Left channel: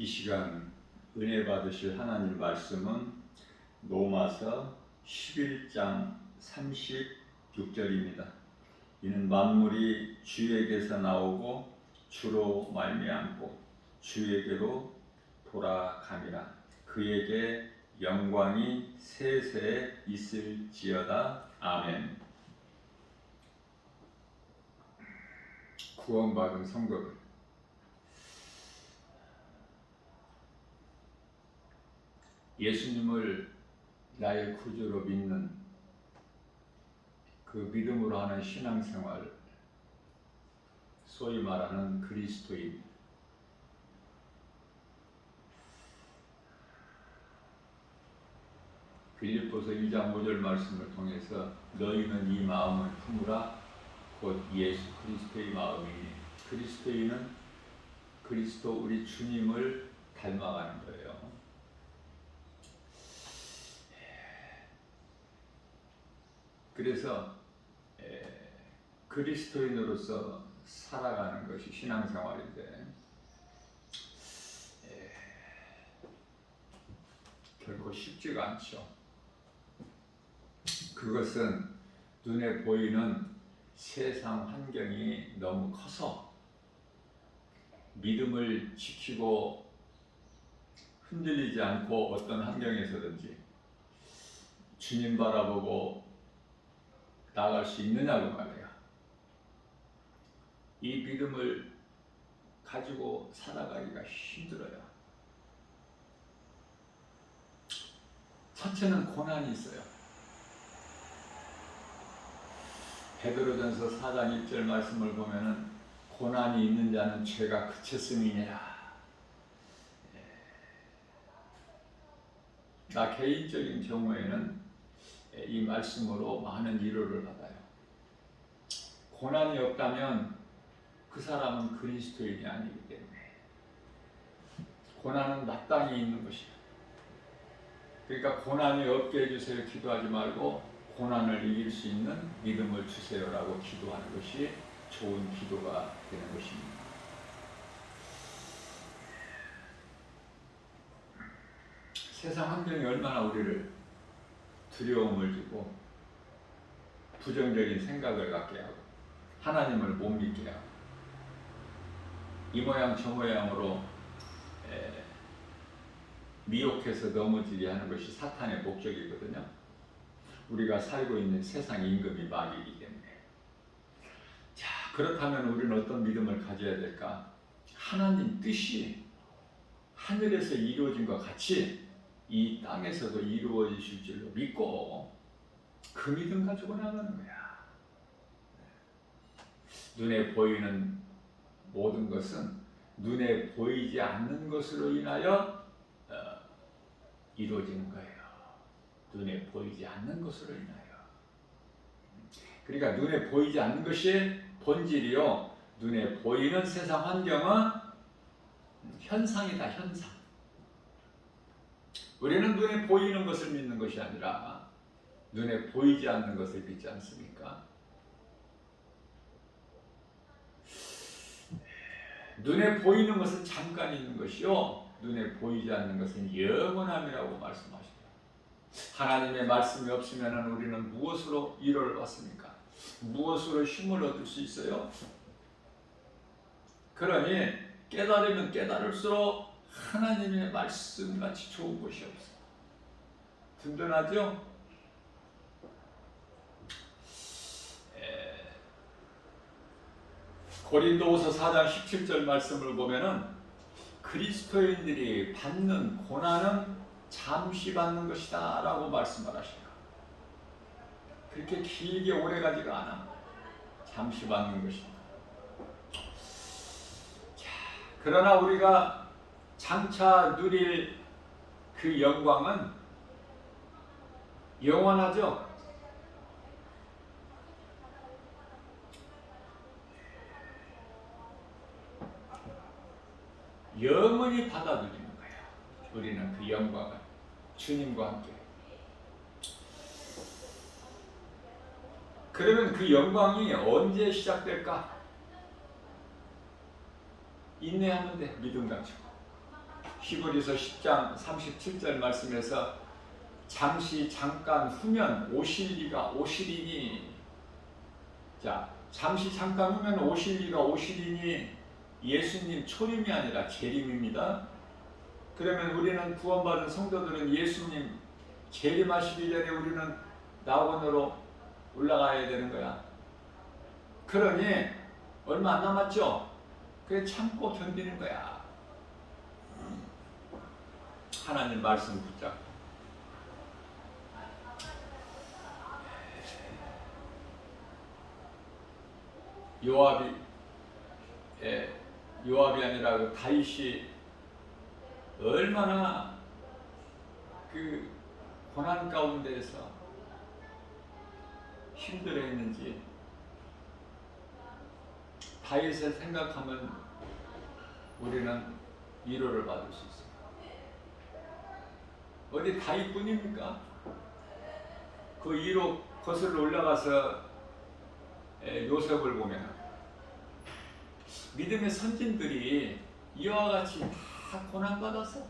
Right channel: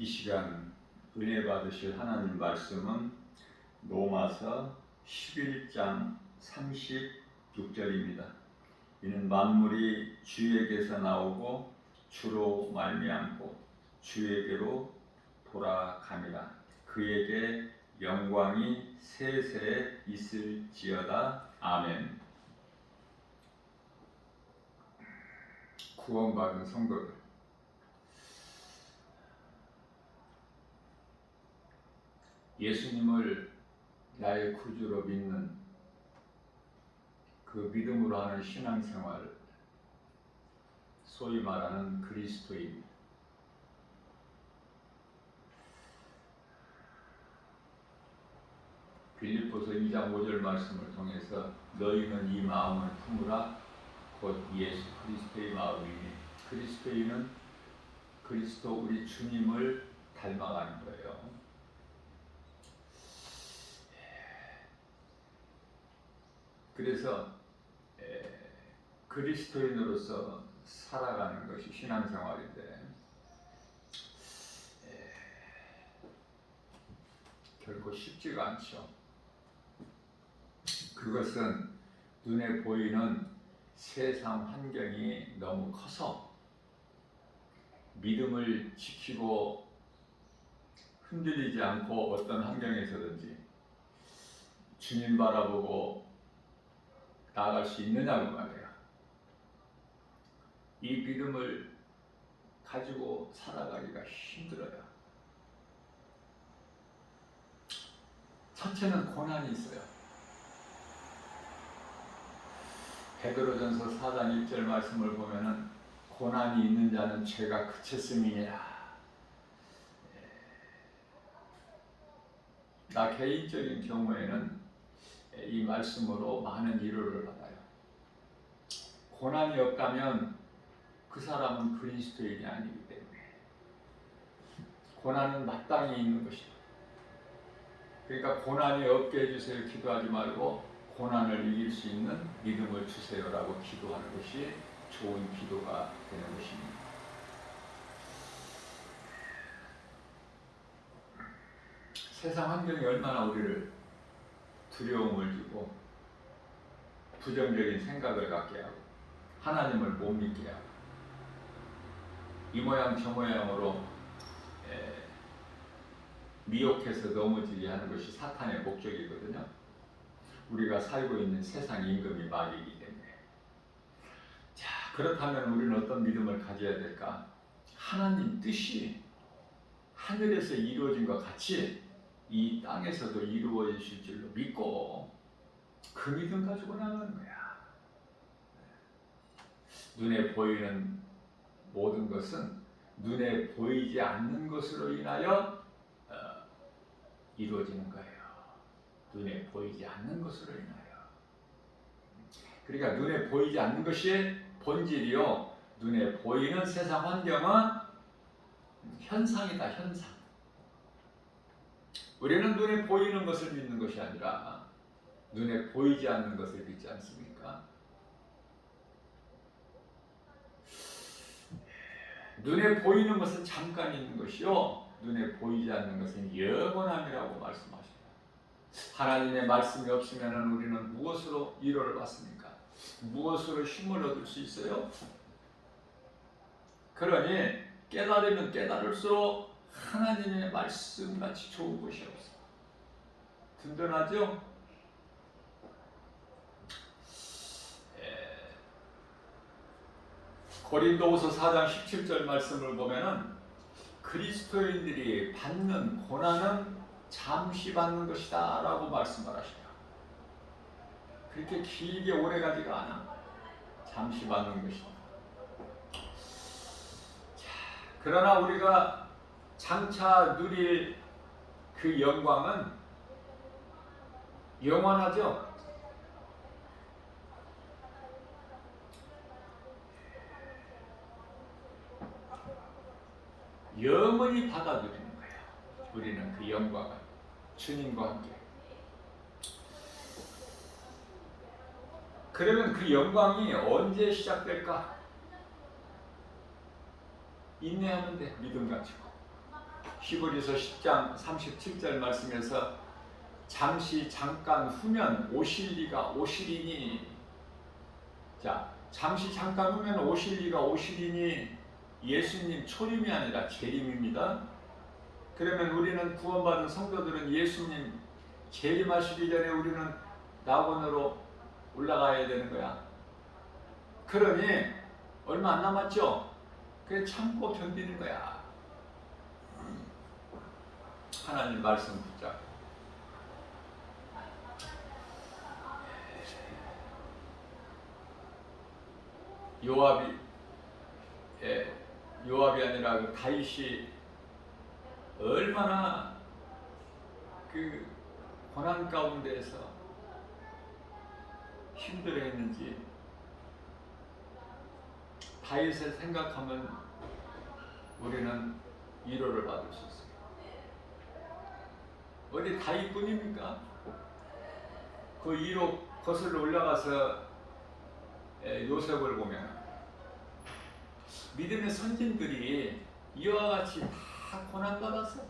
이 시간 은혜 받으실 하나님 말씀은 로마서 11장 36절입니다. 이는 만물이 주에게서 나오고 주로 말미암고 주에게로 돌아감이라. 그에게 영광이 세세 있을지어다. 아멘. 구원받은 성도들, 예수님을 나의 구주로 믿는 그 믿음으로 하는 신앙생활, 소위 말하는 그리스도인, 빌립보서 2장 5절 말씀을 통해서 너희는 이 마음을 품으라 곧 예수 그리스도의 마음이니, 그리스도인은 그리스도 우리 주님을 닮아가는 거예요. 그래서 그리스도인으로서 살아가는 것이 신앙생활인데 결코 쉽지가 않죠. 그것은 눈에 보이는 세상 환경이 너무 커서 믿음을 지키고 흔들리지 않고 어떤 환경에서든지 주님 바라보고 나아갈 수 있느냐고 말해요. 이 믿음을 가지고 살아가기가 힘들어요. 첫째는 고난이 있어요. 베드로전서 4장 1절 말씀을 보면은 고난이 있는 자는 죄가 그쳤음이니라. 나 개인적인 경우에는 이 말씀으로 많은 위로를 받아요. 고난이 없다면 그 사람은 그리스도인이 아니기 때문에 고난은 마땅히 있는 것이다. 그러니까 고난이 없게 해주세요 기도하지 말고 고난을 이길 수 있는 믿음을 주세요라고 기도하는 것이 좋은 기도가 되는 것입니다. 세상 환경이 얼마나 우리를 두려움을 주고 부정적인 생각을 갖게 하고 하나님을 못 믿게 하고 이 모양 저 모양으로 미혹해서 넘어지게 하는 것이 사탄의 목적이거든요. 우리가 살고 있는 세상 임금이 마귀이기 때문에. 자, 그렇다면 우리는 어떤 믿음을 가져야 될까? 하나님 뜻이 하늘에서 이루어진 것 같이 이 땅에서도 이루어질 줄로 믿고 그 믿음 가지고 나가는 거야. 눈에 보이는 모든 것은 눈에 보이지 않는 것으로 인하여 이루어지는 거예요. 눈에 보이지 않는 것으로 인하여. 그러니까 눈에 보이지 않는 것이 본질이요. 눈에 보이는 세상 환경은 현상이다, 현상. 우리는 눈에 보이는 것을 믿는 것이 아니라 눈에 보이지 않는 것을 믿지 않습니까? 눈에 보이는 것은 잠깐 있는 것이요, 눈에 보이지 않는 것은 영원함이라고 말씀하십니다. 하나님의 말씀이 없으면 우리는 무엇으로 위로를 받습니까? 무엇으로 힘을 얻을 수 있어요? 그러니 깨달으면 깨달을수록 하나님의 말씀같이 좋은 것이 없어요. 든든하죠? 고린도후서 4장 17절 말씀을 보면은 그리스도인들이 받는 고난은 잠시 받는 것이다 라고 말씀을 하셔요. 그렇게 길게 오래가지가 않아. 잠시 받는 것이다. 자, 그러나 우리가 장차 누릴 그 영광은 영원하죠. 영원히 받아들이는 거야. 우리는 그 영광을 주님과 함께. 그러면 그 영광이 언제 시작될까? 인내하면 돼. 믿음 가지고. 히브리서 10장 37절 말씀에서 잠시 잠깐 후면 오실 리가 오시리니, 자, 잠시 잠깐 후면 오실 리가 오시리니 예수님 초림이 아니라 재림입니다. 그러면 우리는 구원받은 성도들은 예수님 재림하시기 전에 우리는 낙원으로 올라가야 되는 거야. 그러니 얼마 안 남았죠? 그래 참고 견디는 거야. 하나님 말씀 붙잡고. 요압이 아니라 그 다윗이 얼마나 그 고난 가운데에서 힘들어했는지 다윗을 생각하면 우리는 위로를 받을 수 있어요. 어디 다윗뿐입니까? 그 위로 거슬러 올라가서 요셉을 보면 믿음의 선진들이 이와 같이 다 고난받았어.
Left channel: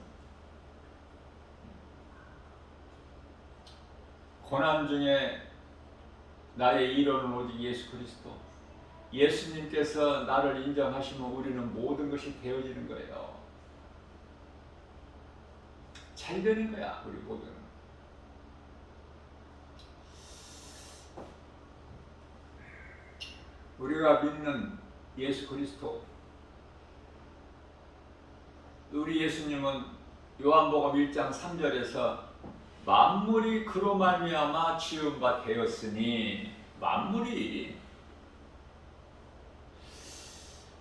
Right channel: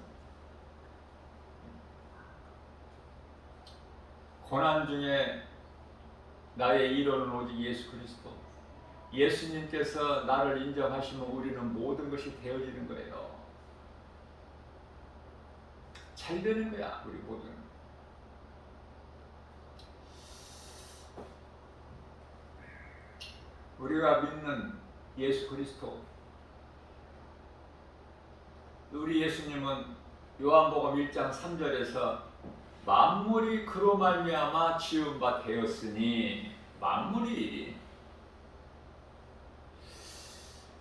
고난 중에 나의 위로는 오직 예수 그리스도. 예수님께서 나를 인정하시면 우리는 모든 것이 되어지는 거예요. 잘 되는 거야, 우리 모두는. 우리가 믿는 예수 그리스도, 우리 예수님은 요한복음 1장 3절에서 만물이 그로 말미암아 지은 바 되었으니, 만물이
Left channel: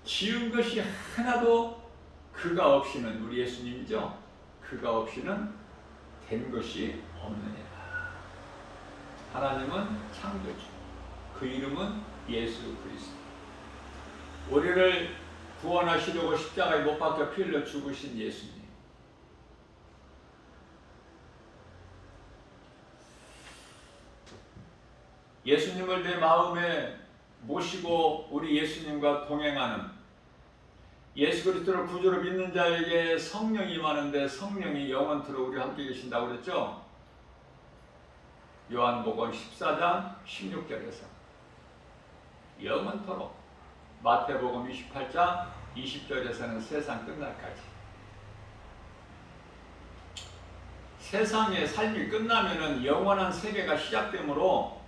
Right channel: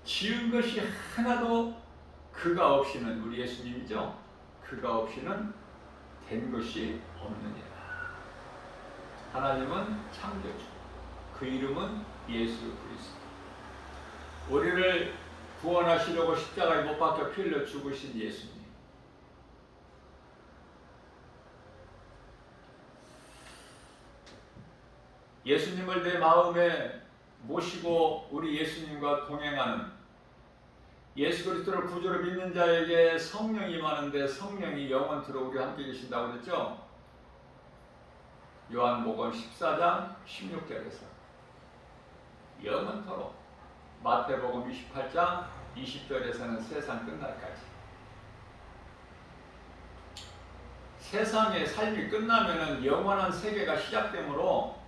지은 것이 하나도 그가 없이는, 우리 예수님이죠, 그가 없이는 된 것이 없느니라. 하나님은 창조주, 그 이름은 예수 그리스도. 우리를 구원하시려고 십자가에 못 박혀 피 흘려 죽으신 예수님. 예수님을 내 마음에 모시고 우리 예수님과 동행하는, 예수 그리스도를 구주로 믿는 자에게 성령이 임하는데 성령이 영원토록 우리와 함께 계신다고 그랬죠? 요한복음 14장 16절에서 영원토록, 마태복음 28장 20절에서는 세상 끝날까지. 세상의 삶이 끝나면은 영원한 세계가 시작되므로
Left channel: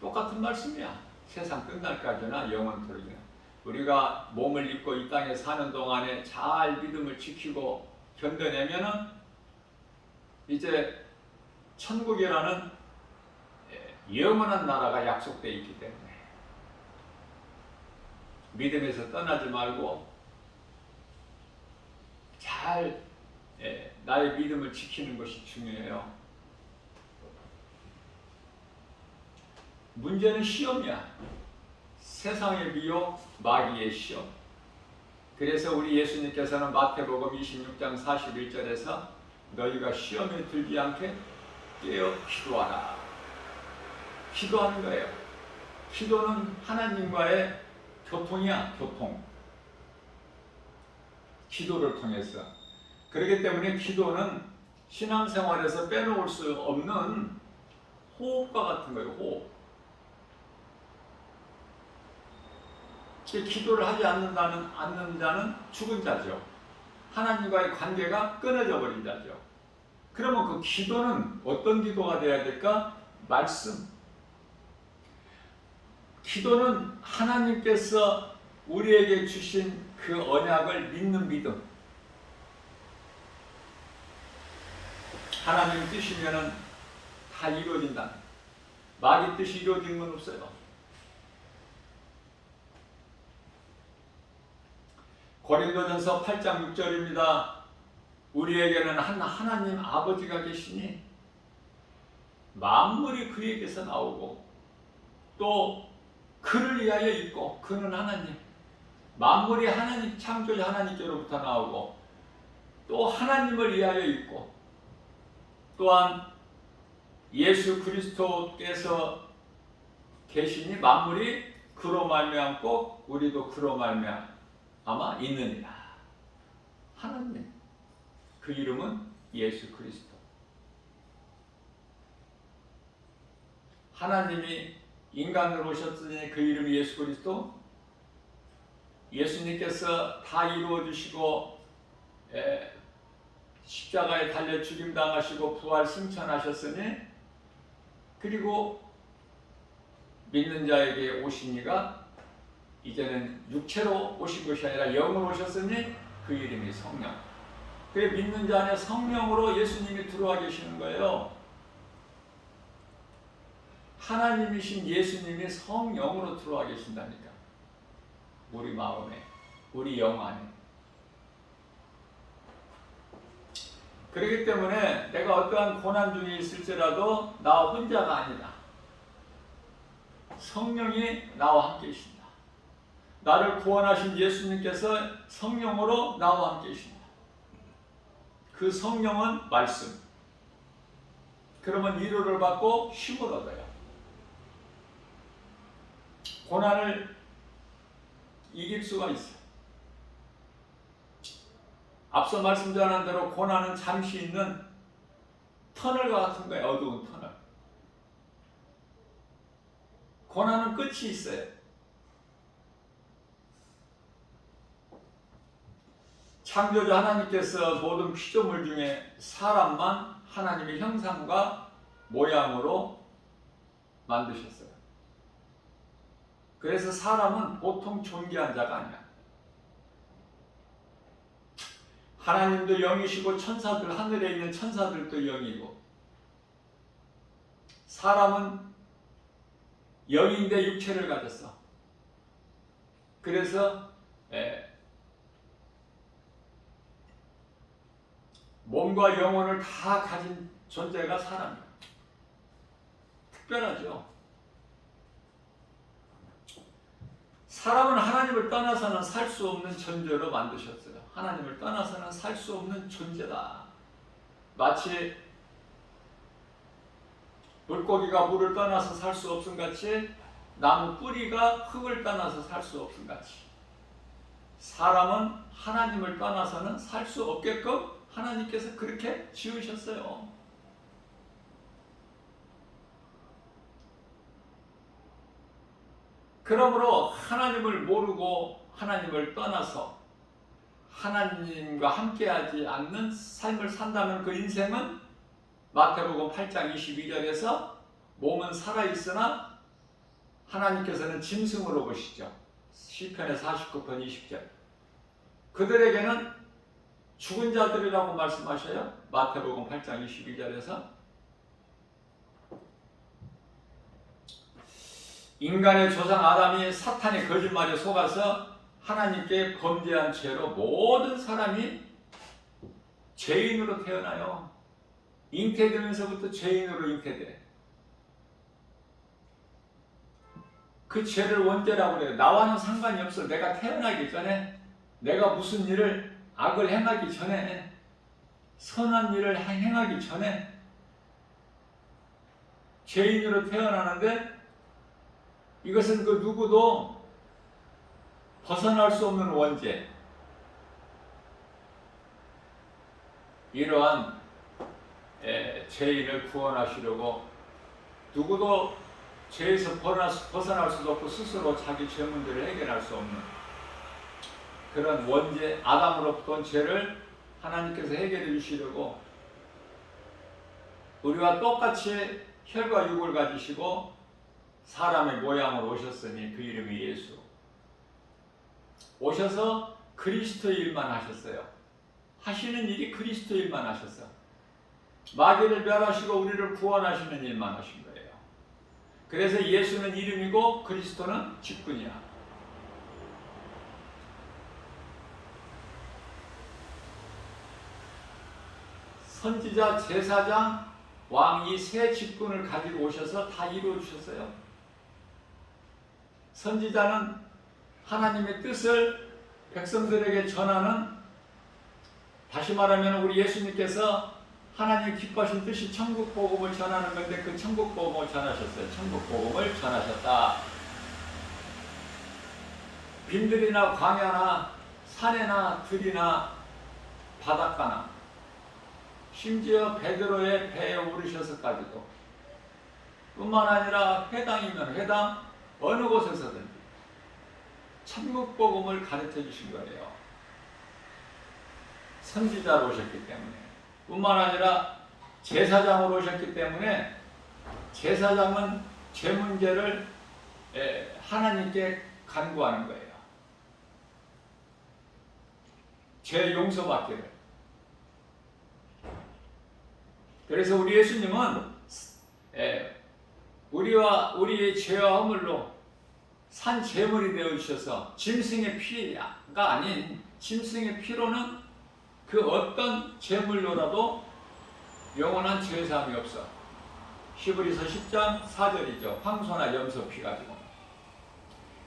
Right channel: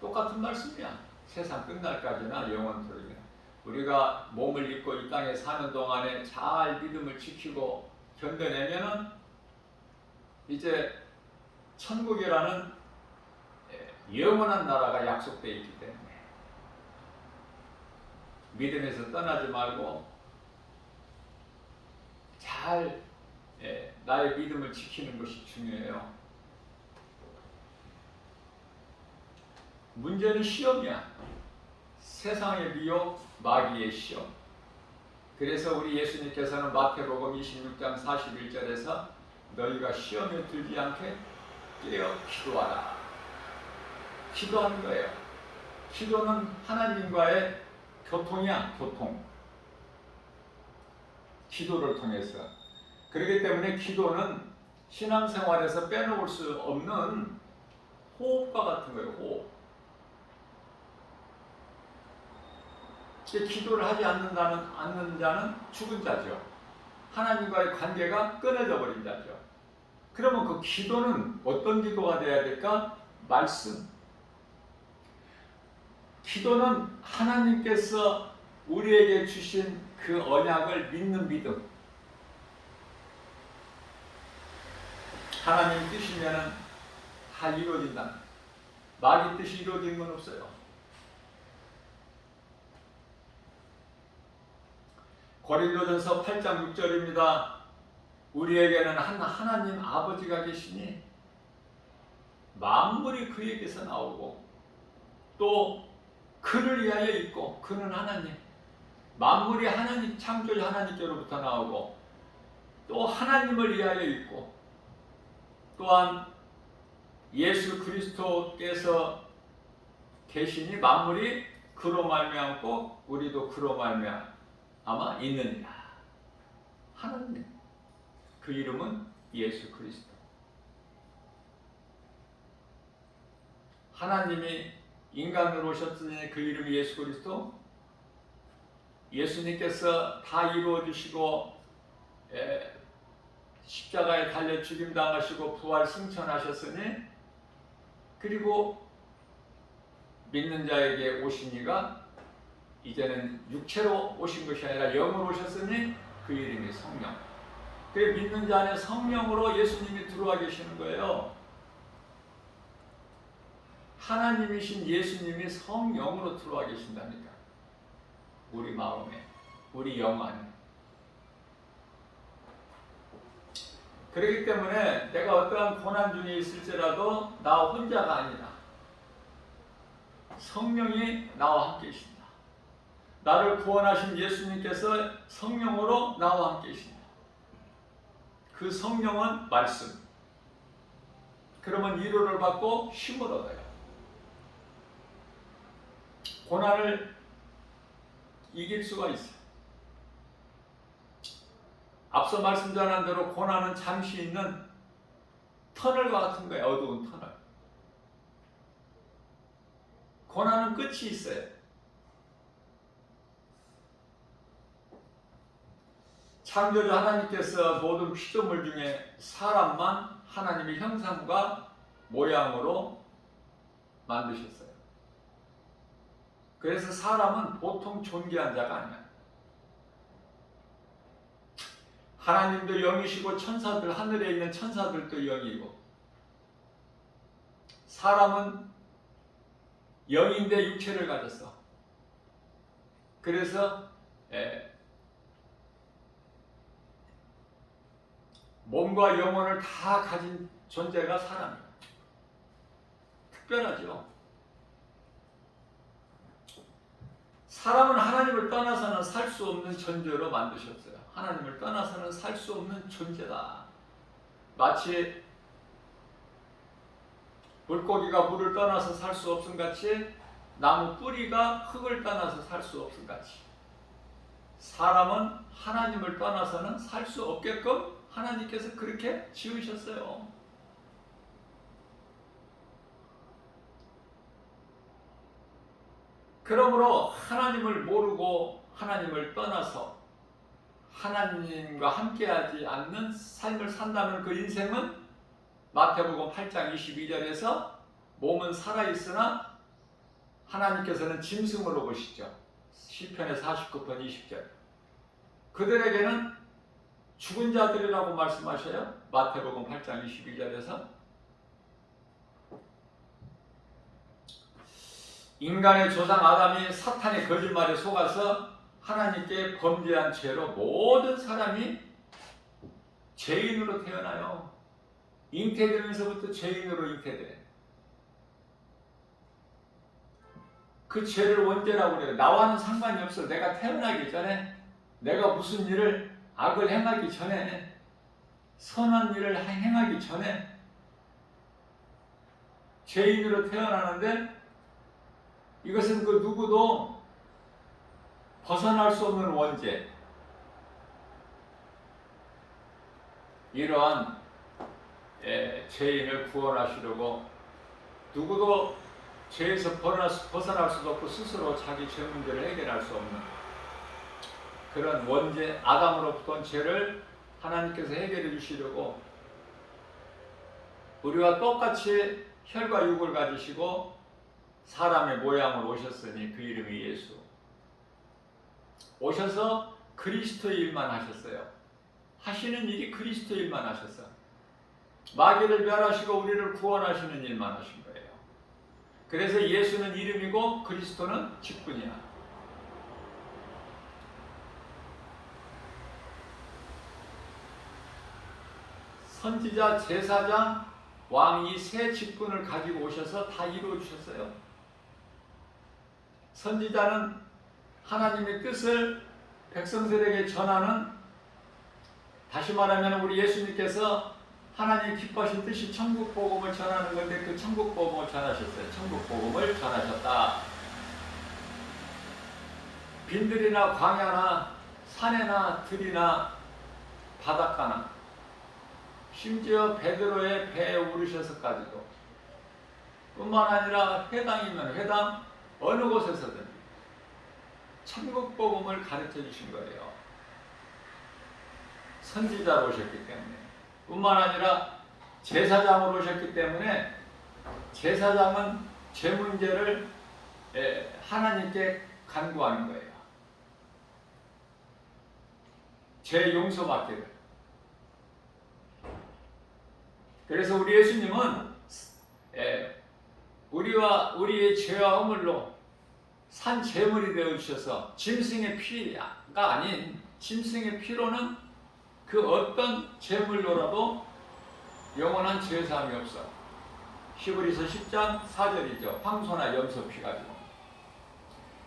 똑같은 말씀이야. 세상 끝날까지나 영원토록이나. 우리가 몸을 입고 이 땅에 사는 동안에 잘 믿음을 지키고 견뎌내면은 이제 천국이라는 영원한 나라가 약속되어 있기 때문에 믿음에서 떠나지 말고 잘 나의 믿음을 지키는 것이 중요해요. 문제는 시험이야. 세상의 미혹, 마귀의 시험. 그래서 우리 예수님께서는 마태복음 26장 41절에서 너희가 시험에 들지 않게 깨어 기도하라. 기도하는 거예요. 기도는 하나님과의 교통이야, 교통. 기도를 통해서. 그렇기 때문에 기도는 신앙생활에서 빼놓을 수 없는 호흡과 같은 거예요, 호흡. 기도를 하지 않는 자는 죽은 자죠. 하나님과의 관계가 끊어져 버린 자죠. 그러면 그 기도는 어떤 기도가 돼야 될까? 말씀. 기도는 하나님께서 우리에게 주신 그 언약을 믿는 믿음. 하나님 뜻이면은 다 이루어진다. 마귀 뜻이 이루어지는 건 없어요. 고린도전서 8장 6절입니다. 우리에게는 하나님 아버지가 계시니 만물이 그에게서 나오고 또 그를 위하여 있고, 그는 하나님. 만물이 하나님, 창조자 하나님께로부터 나오고 또 하나님을 위하여 있고, 또한 예수 그리스도께서 계시니 만물이 그로 말미암고 우리도 그로 말미암아 있느니라. 하나님. 그 이름은 예수 그리스도. 하나님이 인간으로 오셨으니 그 이름이 예수 그리스도. 예수님께서 다 이루어 주시고 십자가에 달려 죽임 당하시고 부활 승천하셨으니, 그리고 믿는 자에게 오신 이가 이제는 육체로 오신 것이 아니라 영으로 오셨으니 그 이름이 성령. 그래, 믿는 자 안에 성령으로 예수님이 들어와 계시는 거예요. 하나님이신 예수님이 성령으로 들어와 계신답니다. 우리 마음에, 우리 영 안에. 그렇기 때문에 내가 어떠한 고난 중에 있을지라도 나 혼자가 아니다. 성령이 나와 함께 계신다. 나를 구원하신 예수님께서 성령으로 나와 함께 계신다. 그 성령은 말씀. 그러면 위로를 받고 힘을 얻어요. 고난을 이길 수가 있어. 앞서 말씀 전한 대로 고난은 잠시 있는 터널과 같은 거예요. 어두운 터널. 고난은 끝이 있어요. 창조주 하나님께서 모든 피조물 중에 사람만 하나님의 형상과 모양으로 만드셨어요. 그래서 사람은 보통 존귀한 자가 아니야. 하나님도 영이시고 천사들, 하늘에 있는 천사들도 영이고, 사람은 영인데 육체를 가졌어. 그래서 몸과 영혼을 다 가진 존재가 사람이에요. 특별하죠. 사람은 하나님을 떠나서는 살 수 없는 존재로 만드셨어요. 하나님을 떠나서는 살 수 없는 존재다. 마치 물고기가 물을 떠나서 살 수 없음 같이, 나무 뿌리가 흙을 떠나서 살 수 없음 같이, 사람은 하나님을 떠나서는 살 수 없게끔 하나님께서 그렇게 지으셨어요. 그러므로 하나님을 모르고 하나님을 떠나서 하나님과 함께하지 않는 삶을 산다면 그 인생은 마태복음 8장 22절에서 몸은 살아있으나 하나님께서는 짐승으로 보시죠. 시편의 49편 20절. 그들에게는 죽은 자들이라고 말씀하셔요. 마태복음 8장 22절에서. 인간의 조상 아담이 사탄의 거짓말에 속아서 하나님께 범죄한 죄로 모든 사람이 죄인으로 태어나요. 잉태되면서부터 죄인으로 잉태돼. 그 죄를 원죄라고 그래요. 나와는 상관이 없어. 내가 태어나기 전에, 내가 무슨 일을 악을 행하기 전에, 선한 일을 행하기 전에 죄인으로 태어나는데, 이것은 그 누구도 벗어날 수 없는 원죄. 이러한 죄인을 구원하시려고 누구도 죄에서 벗어날 수도 없고 스스로 자기 죄 문제를 해결할 수 없는 그런 원죄, 아담으로부터 온 죄를 하나님께서 해결해 주시려고 우리와 똑같이 혈과 육을 가지시고 사람의 모양으로 오셨으니 그 이름이 예수. 오셔서 그리스도의 일만 하셨어요. 하시는 일이 그리스도의 일만 하셨어. 마귀를 멸하시고 우리를 구원하시는 일만 하신 거예요. 그래서 예수는 이름이고 그리스도는 직분이야. 선지자, 제사장, 왕 이 세 직분을 가지고 오셔서 다 이루어 주셨어요. 선지자는 하나님의 뜻을 백성들에게 전하는, 다시 말하면 우리 예수님께서 하나님 기뻐하신 뜻이 천국 복음을 전하는 건데 그 천국 복음을 전하셨어요. 천국 복음을 전하셨다. 빈들이나 광야나 산에나 들이나 바닷가나 심지어 베드로의 배에 오르셔서까지도 뿐만 아니라 회당이면 회당 어느 곳에서든지 천국 복음을 가르쳐 주신 거예요. 선지자로 오셨기 때문에 뿐만 아니라 제사장으로 오셨기 때문에 제사장은 죄 문제를 하나님께 간구하는 거예요. 죄 용서받기를. 그래서 우리 예수님은 우리의 죄와 허물로 산 제물이 되어 주셔서 짐승의 피가 아닌 짐승의 피로는 그 어떤 제물로라도 영원한 죄사함이 없어. 히브리서 10장 4절이죠. 황소나 염소 피 가지고.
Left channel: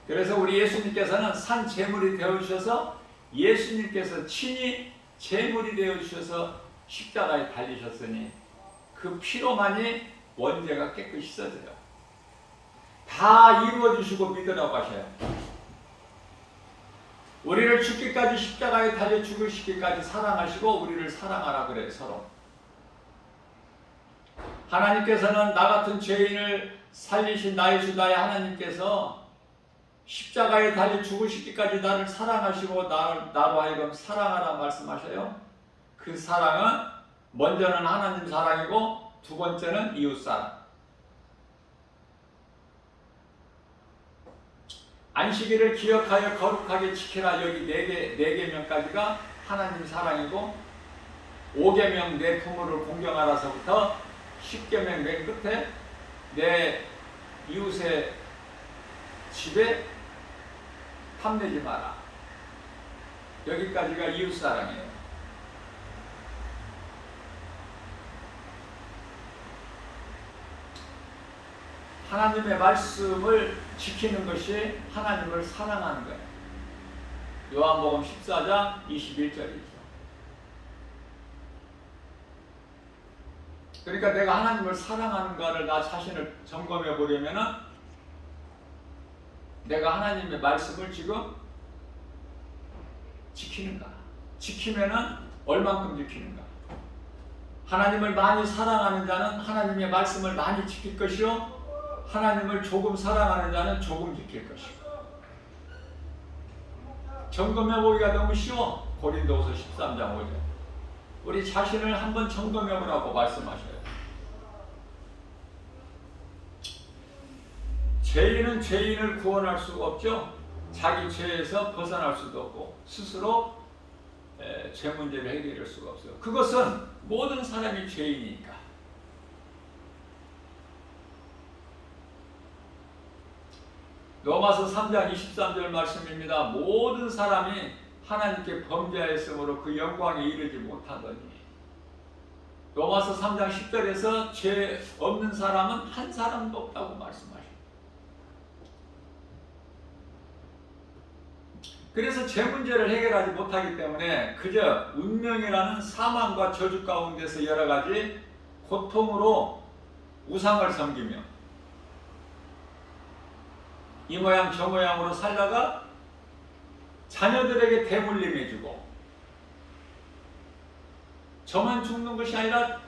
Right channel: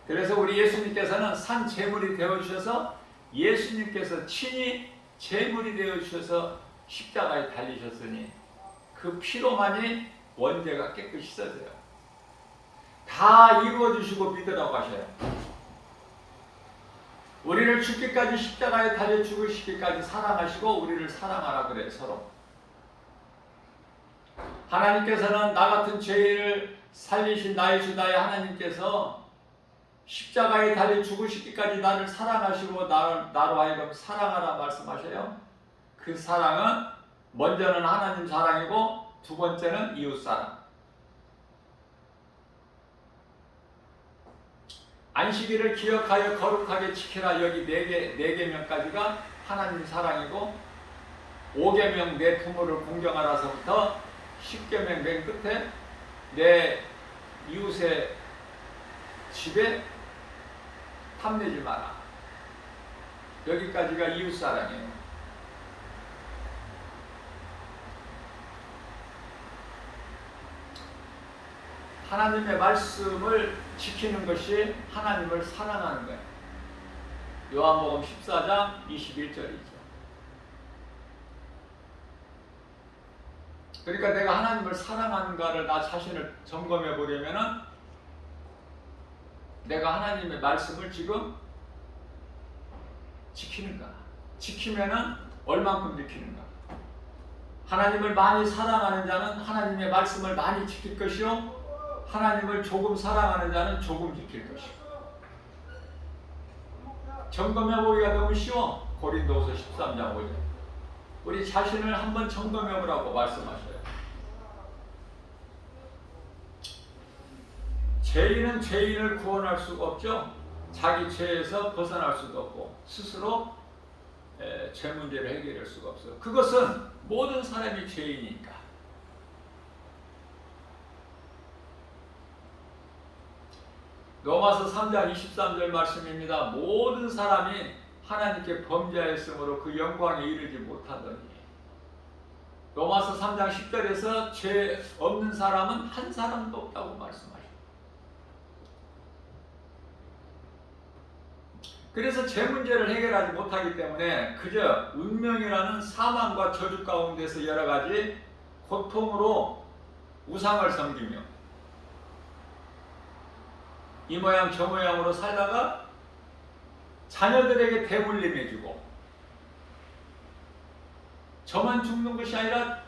그래서 우리 예수님께서는 산 제물이 되어 주셔서 예수님께서 친히 제물이 되어 주셔서 십자가에 달리셨으니 그 피로만이 원죄가 깨끗이 씻어져요. 다 이루어 주시고 믿으라고 하셔요. 우리를 죽기까지 십자가에 달려 죽으시기까지 사랑하시고 우리를 사랑하라 그래 서로. 하나님께서는 나 같은 죄인을 살리신 나의 주 나의 하나님께서 십자가에 달려 죽으시기까지 나를 사랑하시고 나로 하여금 사랑하라 말씀하셔요. 그 사랑은 먼저는 하나님 사랑이고 두 번째는 이웃 사랑. 안식일을 기억하여 거룩하게 지키라. 여기 네 계명까지가 하나님 사랑이고 5계명 내 부모를 공경하라서부터 10계명 맨 끝에 내 이웃의 집에 탐내지 마라. 여기까지가 이웃 사랑이에요. 하나님의 말씀을 지키는 것이 하나님을 사랑하는 거예요. 요한복음 14장 21절이죠. 그러니까 내가 하나님을 사랑하는가를 나 자신을 점검해 보려면은 내가 하나님의 말씀을 지금 지키는가? 지키면은 얼만큼 지키는가? 하나님을 많이 사랑하는 자는 하나님의 말씀을 많이 지킬 것이요, 하나님을 조금 사랑하는 자는 조금 지킬 것이고. 점검해 보기가 너무 쉬워. 고린도후서 13장 5절. 우리 자신을 한번 점검해 보라고 말씀하셔요. 죄인은 죄인을 구원할 수가 없죠. 자기 죄에서 벗어날 수도 없고 스스로 죄 문제를 해결할 수가 없어요. 그것은 모든 사람이 죄인이니까. 로마서 3장 23절 말씀입니다. 모든 사람이 하나님께 범죄하였으므로 그 영광에 이르지 못하더니. 로마서 3장 10절에서 죄 없는 사람은 한 사람도 없다고 말씀하십니다. 그래서 죄 문제를 해결하지 못하기 때문에 그저 운명이라는 사망과 저주 가운데서 여러 가지 고통으로 우상을 섬기며 이 모양 저 모양으로 살다가 자녀들에게 대물림해주고, 저만 죽는 것이 아니라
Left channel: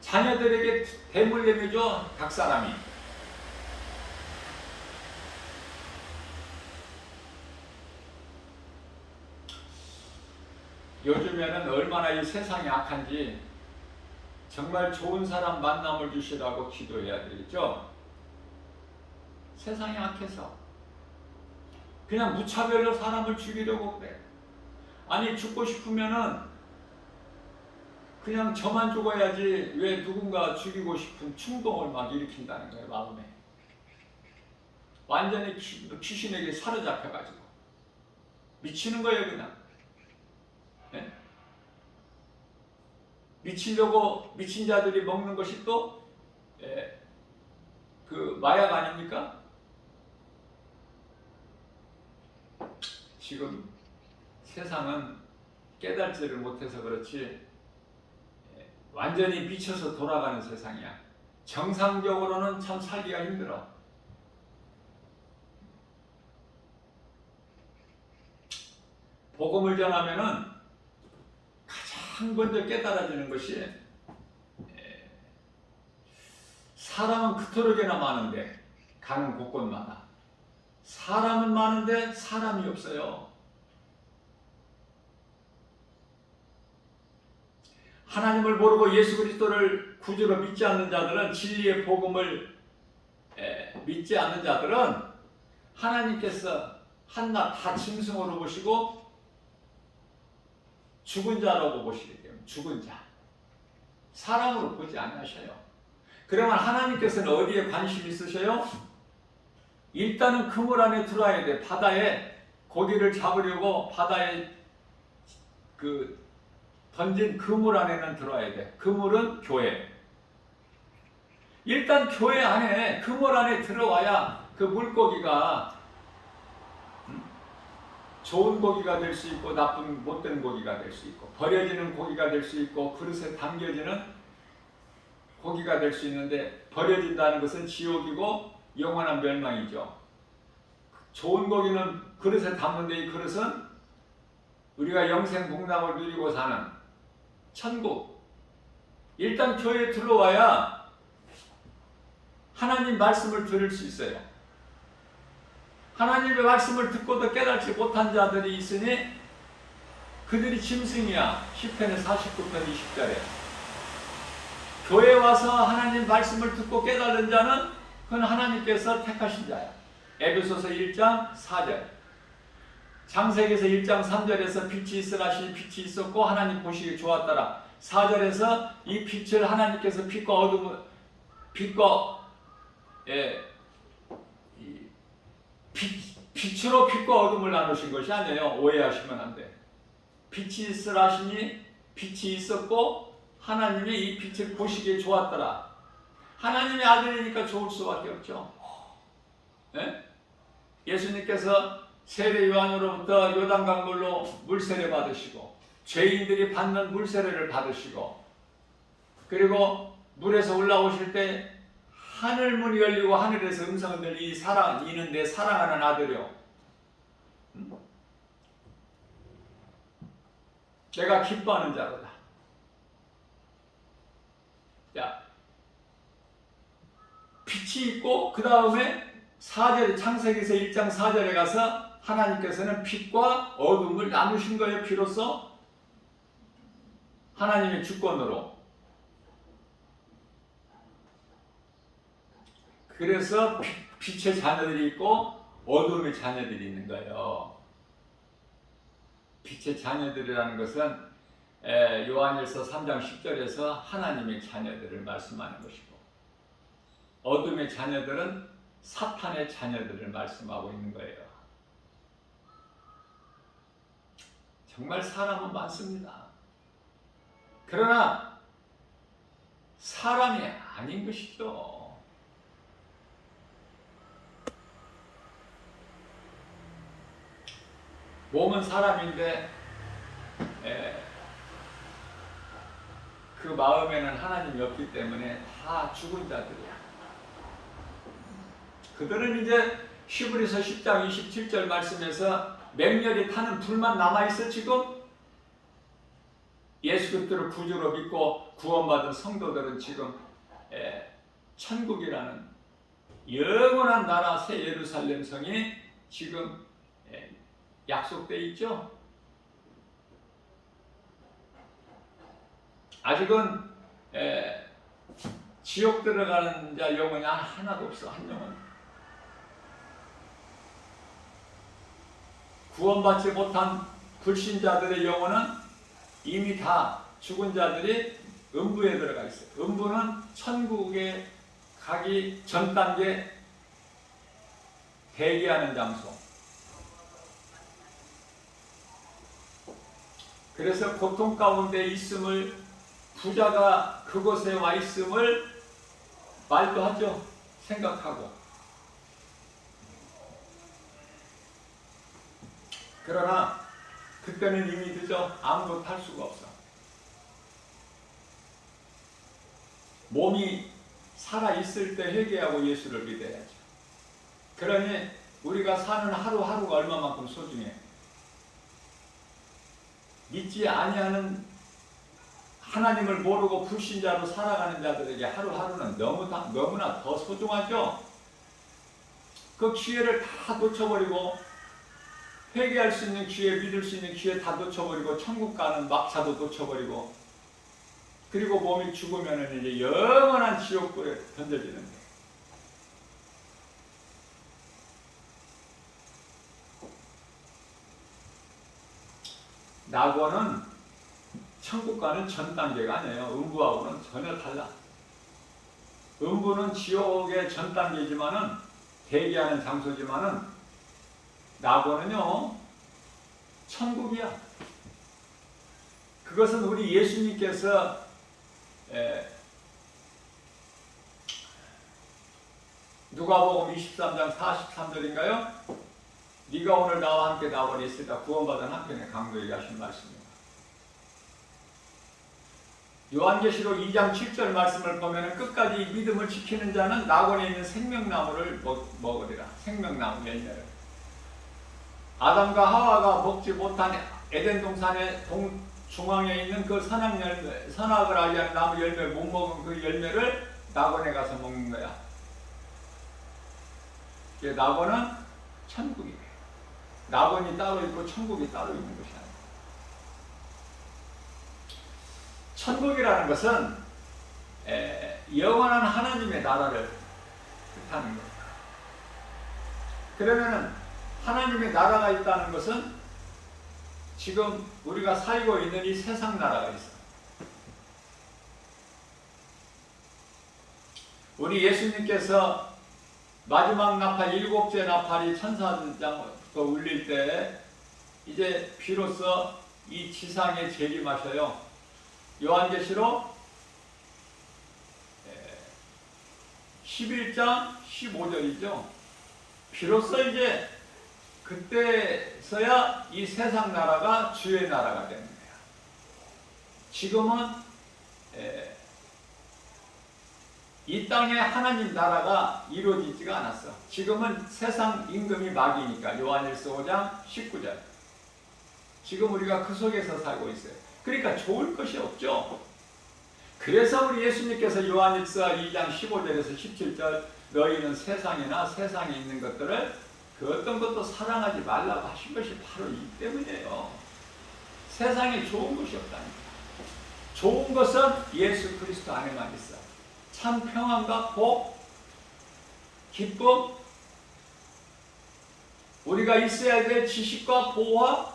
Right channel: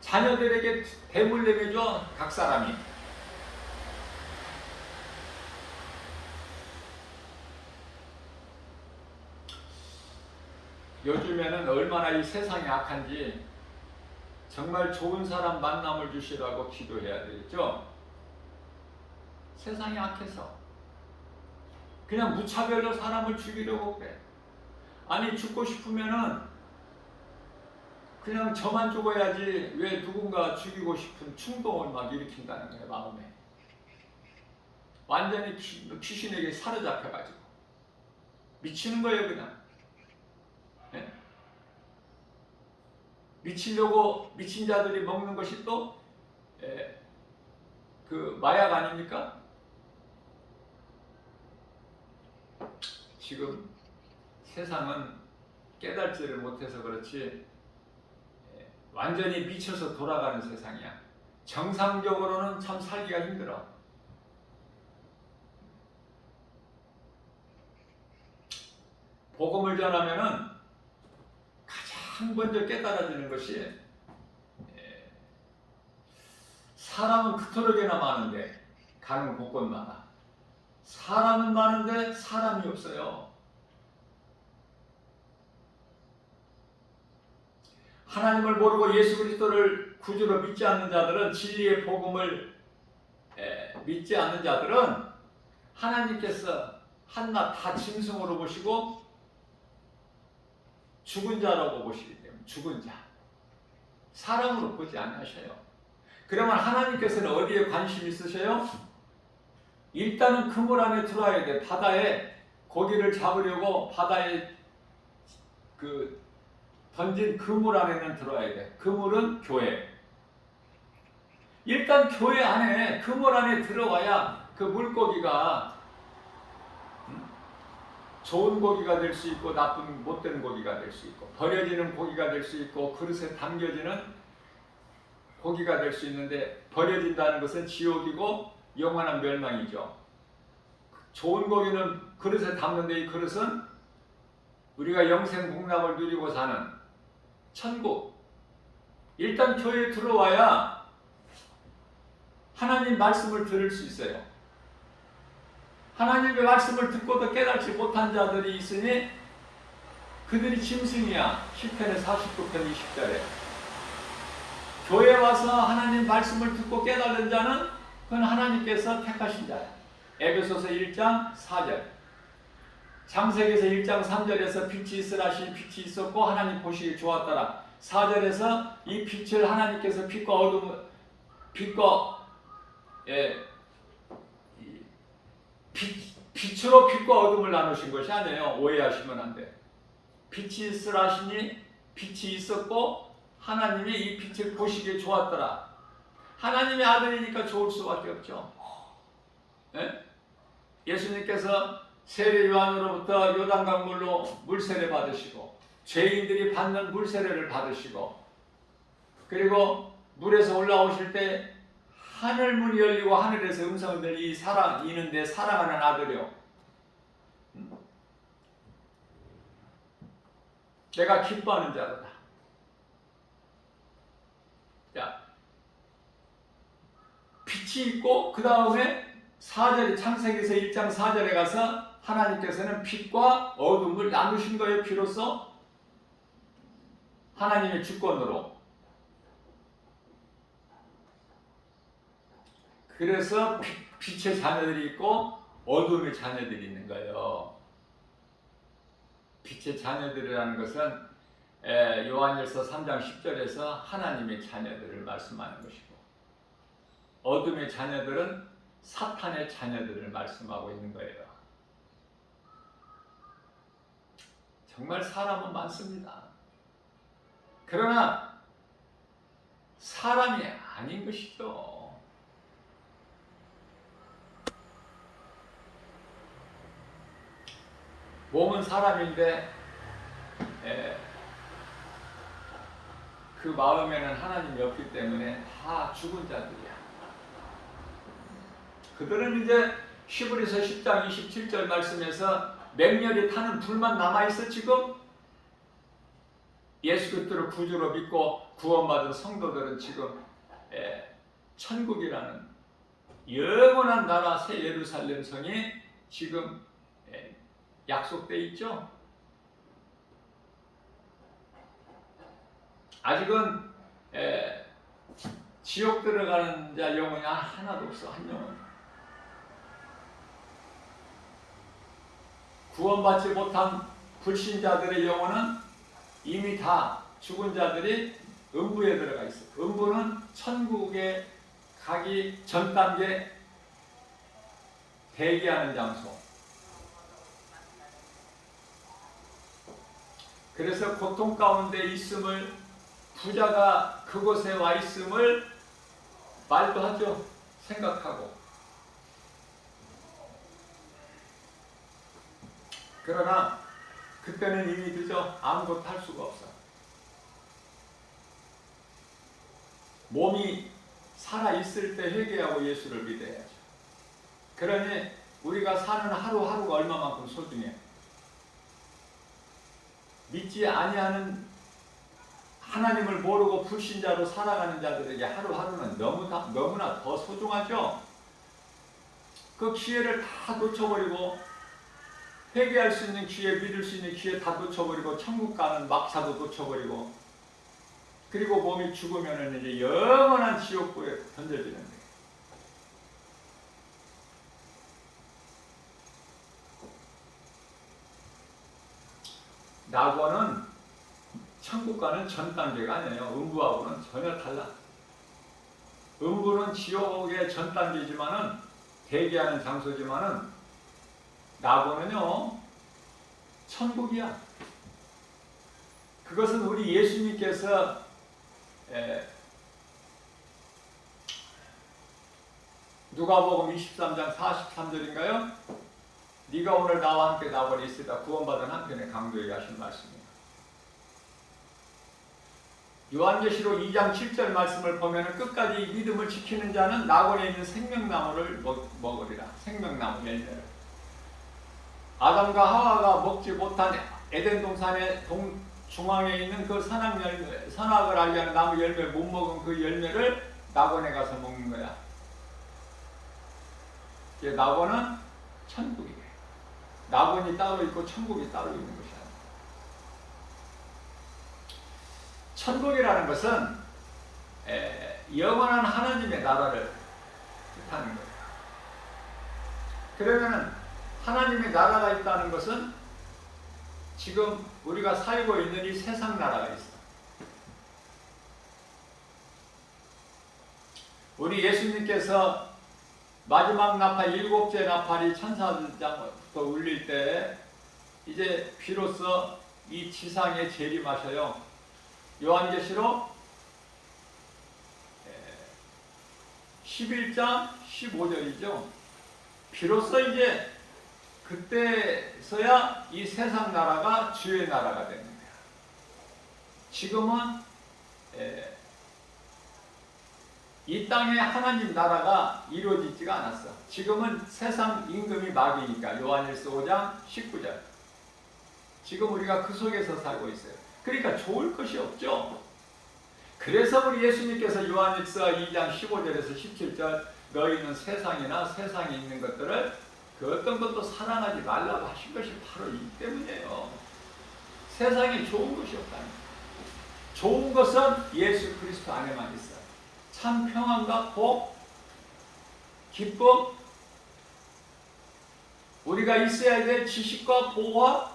자녀들에게 대물림해줘 각 사람이. 요즘에는 얼마나 이 세상이 악한지 정말 좋은 사람 만남을 주시라고 기도해야 되겠죠. 세상이 악해서 그냥 무차별로 사람을 죽이려고 그래. 아니 죽고 싶으면은 그냥 저만 죽어야지 왜 누군가 죽이고 싶은 충동을 막 일으킨다는 거예요. 마음에 완전히 귀신에게 사로잡혀가지고 미치는 거예요. 그냥 네? 미치려고 미친 자들이 먹는 것이 또 그 마약 아닙니까? 지금 세상은 깨달지를 못해서 그렇지 완전히 미쳐서 돌아가는 세상이야. 정상적으로는 참 살기가 힘들어. 복음을 전하면은 가장 먼저 깨달아지는 것이 사람은 그토록이나 많은데 가는 곳곳마다 사람은 많은데 사람이 없어요. 하나님을 모르고 예수 그리스도를 구주로 믿지 않는 자들은 진리의 복음을 믿지 않는 자들은 하나님께서 한낱 다 짐승으로 보시고 죽은 자라고 보시기 때문에 죽은 자 사람으로 보지 않으셔요. 그러면 하나님께서는 어디에 관심 있으셔요? 일단은 그물 안에 들어와야 돼. 바다에 고기를 잡으려고 바다에 던진 그물 안에는 들어와야 돼. 그물은 교회. 일단 교회 안에 그물 안에 들어와야 그 물고기가 좋은 고기가 될 수 있고 나쁜 못된 고기가 될 수 있고 버려지는 고기가 될 수 있고 그릇에 담겨지는 고기가 될 수 있는데 버려진다는 것은 지옥이고 영원한 멸망이죠. 좋은 고기는 그릇에 담는데 이 그릇은 우리가 영생 복락을 누리고 사는 천국. 일단 교회에 들어와야 하나님 말씀을 들을 수 있어요. 하나님의 말씀을 듣고도 깨닫지 못한 자들이 있으니 그들이 짐승이야. 시편의 49편 20절에 교회에 와서 하나님 말씀을 듣고 깨달은 자는 그건 하나님께서 택하신 자야. 에베소서 1장 4절 창세기에서 1장 3절에서 빛이 있으라 하시니 빛이 있었고 하나님 보시기에 좋았더라. 4절에서 이 빛을 하나님께서 빛으로 빛과 어둠을 나누신 것이 아니에요. 오해하시면 안 돼. 빛이 있으라 하시니 빛이 있었고 하나님이 이 빛을 보시기에 좋았더라. 하나님의 아들이니까 좋을 수밖에 없죠. 예수님께서 세례 요한으로부터 요단강물로 물세례 받으시고 죄인들이 받는 물세례를 받으시고 그리고 물에서 올라오실 때 하늘 문이 열리고 하늘에서 음성을 들리 이는 내 사랑하는 아들이요 내가 기뻐하는 자로다. 자, 빛이 있고 그 다음에 4절에 창세기에서 1장 4절에 가서 하나님께서는 빛과 어둠을 나누신 거예요. 비로소 하나님의 주권으로. 그래서 빛의 자녀들이 있고 어둠의 자녀들이 있는 거예요. 빛의 자녀들이라는 것은 요한일서 3장 10절에서 하나님의 자녀들을 말씀하는 것이고 어둠의 자녀들은 사탄의 자녀들을 말씀하고 있는 거예요. 정말 사람은 많습니다. 그러나 사람이 아닌 것이죠. 몸은 사람인데 그 마음에는 하나님이 없기 때문에 다 죽은 자들이야. 그들은 이제 히브리서 10장 27절 말씀에서 맹렬히 타는 불만 남아있어. 지금 예수 그리스도를 구주로 믿고 구원받은 성도들은 지금 천국이라는 영원한 나라 새 예루살렘 성이 지금 약속되어 있죠. 아직은 지옥 들어가는 자 영혼이 하나도 없어. 한 영혼. 구원받지 못한 불신자들의 영혼은 이미 다 죽은 자들이 음부에 들어가 있어요. 음부는 천국에 가기 전 단계 대기하는 장소. 그래서 고통 가운데 있음을 부자가 그곳에 와 있음을 말도 하죠. 생각하고. 그러나 그때는 이미 늦어. 아무것도 할 수가 없어. 몸이 살아있을 때 회개하고 예수를 믿어야죠. 그러니 우리가 사는 하루하루가 얼마만큼 소중해. 믿지 아니하는 하나님을 모르고 불신자로 살아가는 자들에게 하루하루는 너무나 더 소중하죠. 그 기회를 다 놓쳐버리고 회개할 수 있는 기회, 믿을 수 있는 기회 다 놓쳐버리고 천국 가는 막차도 놓쳐버리고 그리고 몸이 죽으면 이제 영원한 지옥불에 던져지는데 낙원은 천국과는 전 단계가 아니에요. 음부하고는 전혀 달라. 음부는 지옥의 전 단계지만은 대기하는 장소지만은 낙원은요 천국이야. 그것은 우리 예수님께서 누가복음 23장 43절인가요? 네가 오늘 나와 함께 낙원에 있으리라 구원받은 한편의 강도에게 하신 말씀입니다. 요한계시록 2장 7절 말씀을 보면 끝까지 믿음을 지키는 자는 낙원에 있는 생명나무를 먹으리라. 생명나무 열매를. 아담과 하와가 먹지 못한 에덴 동산의 중앙에 있는 그 선악을 알게 하는 나무 열매를 못 먹은 그 열매를 낙원에 가서 먹는 거야. 낙원은 천국이에요. 낙원이 따로 있고 천국이 따로 있는 것이 아니에요. 천국이라는 것은 영원한 하나님의 나라를 뜻하는 겁니다. 그러면 하나님의 나라가 있다는 것은 지금 우리가 살고 있는 이 세상 나라가 있어. 우리 예수님께서 마지막 나팔 7째 나팔이 천사장부터 울릴 때 이제 비로소 이 지상에 재림하셔요. 요한계시록 11장 15절이죠. 비로소 이제 그때서야 이 세상 나라가 주의 나라가 됩니다. 지금은 이 땅에 하나님 나라가 이루어지지가 않았어. 지금은 세상 임금이 마귀니까 요한일서 5장 19절. 지금 우리가 그 속에서 살고 있어요. 그러니까 좋을 것이 없죠. 그래서 우리 예수님께서 요한일서 2장 15절에서 17절 너희는 세상이나 세상에 있는 것들을 그 어떤 것도 사랑하지 말라고 하신 것이 바로 이 때문이에요. 세상에 좋은 것이 없답니다. 좋은 것은 예수 그리스도 안에만 있어. 참 평안과 복, 기쁨, 우리가 있어야 될 지식과 보화,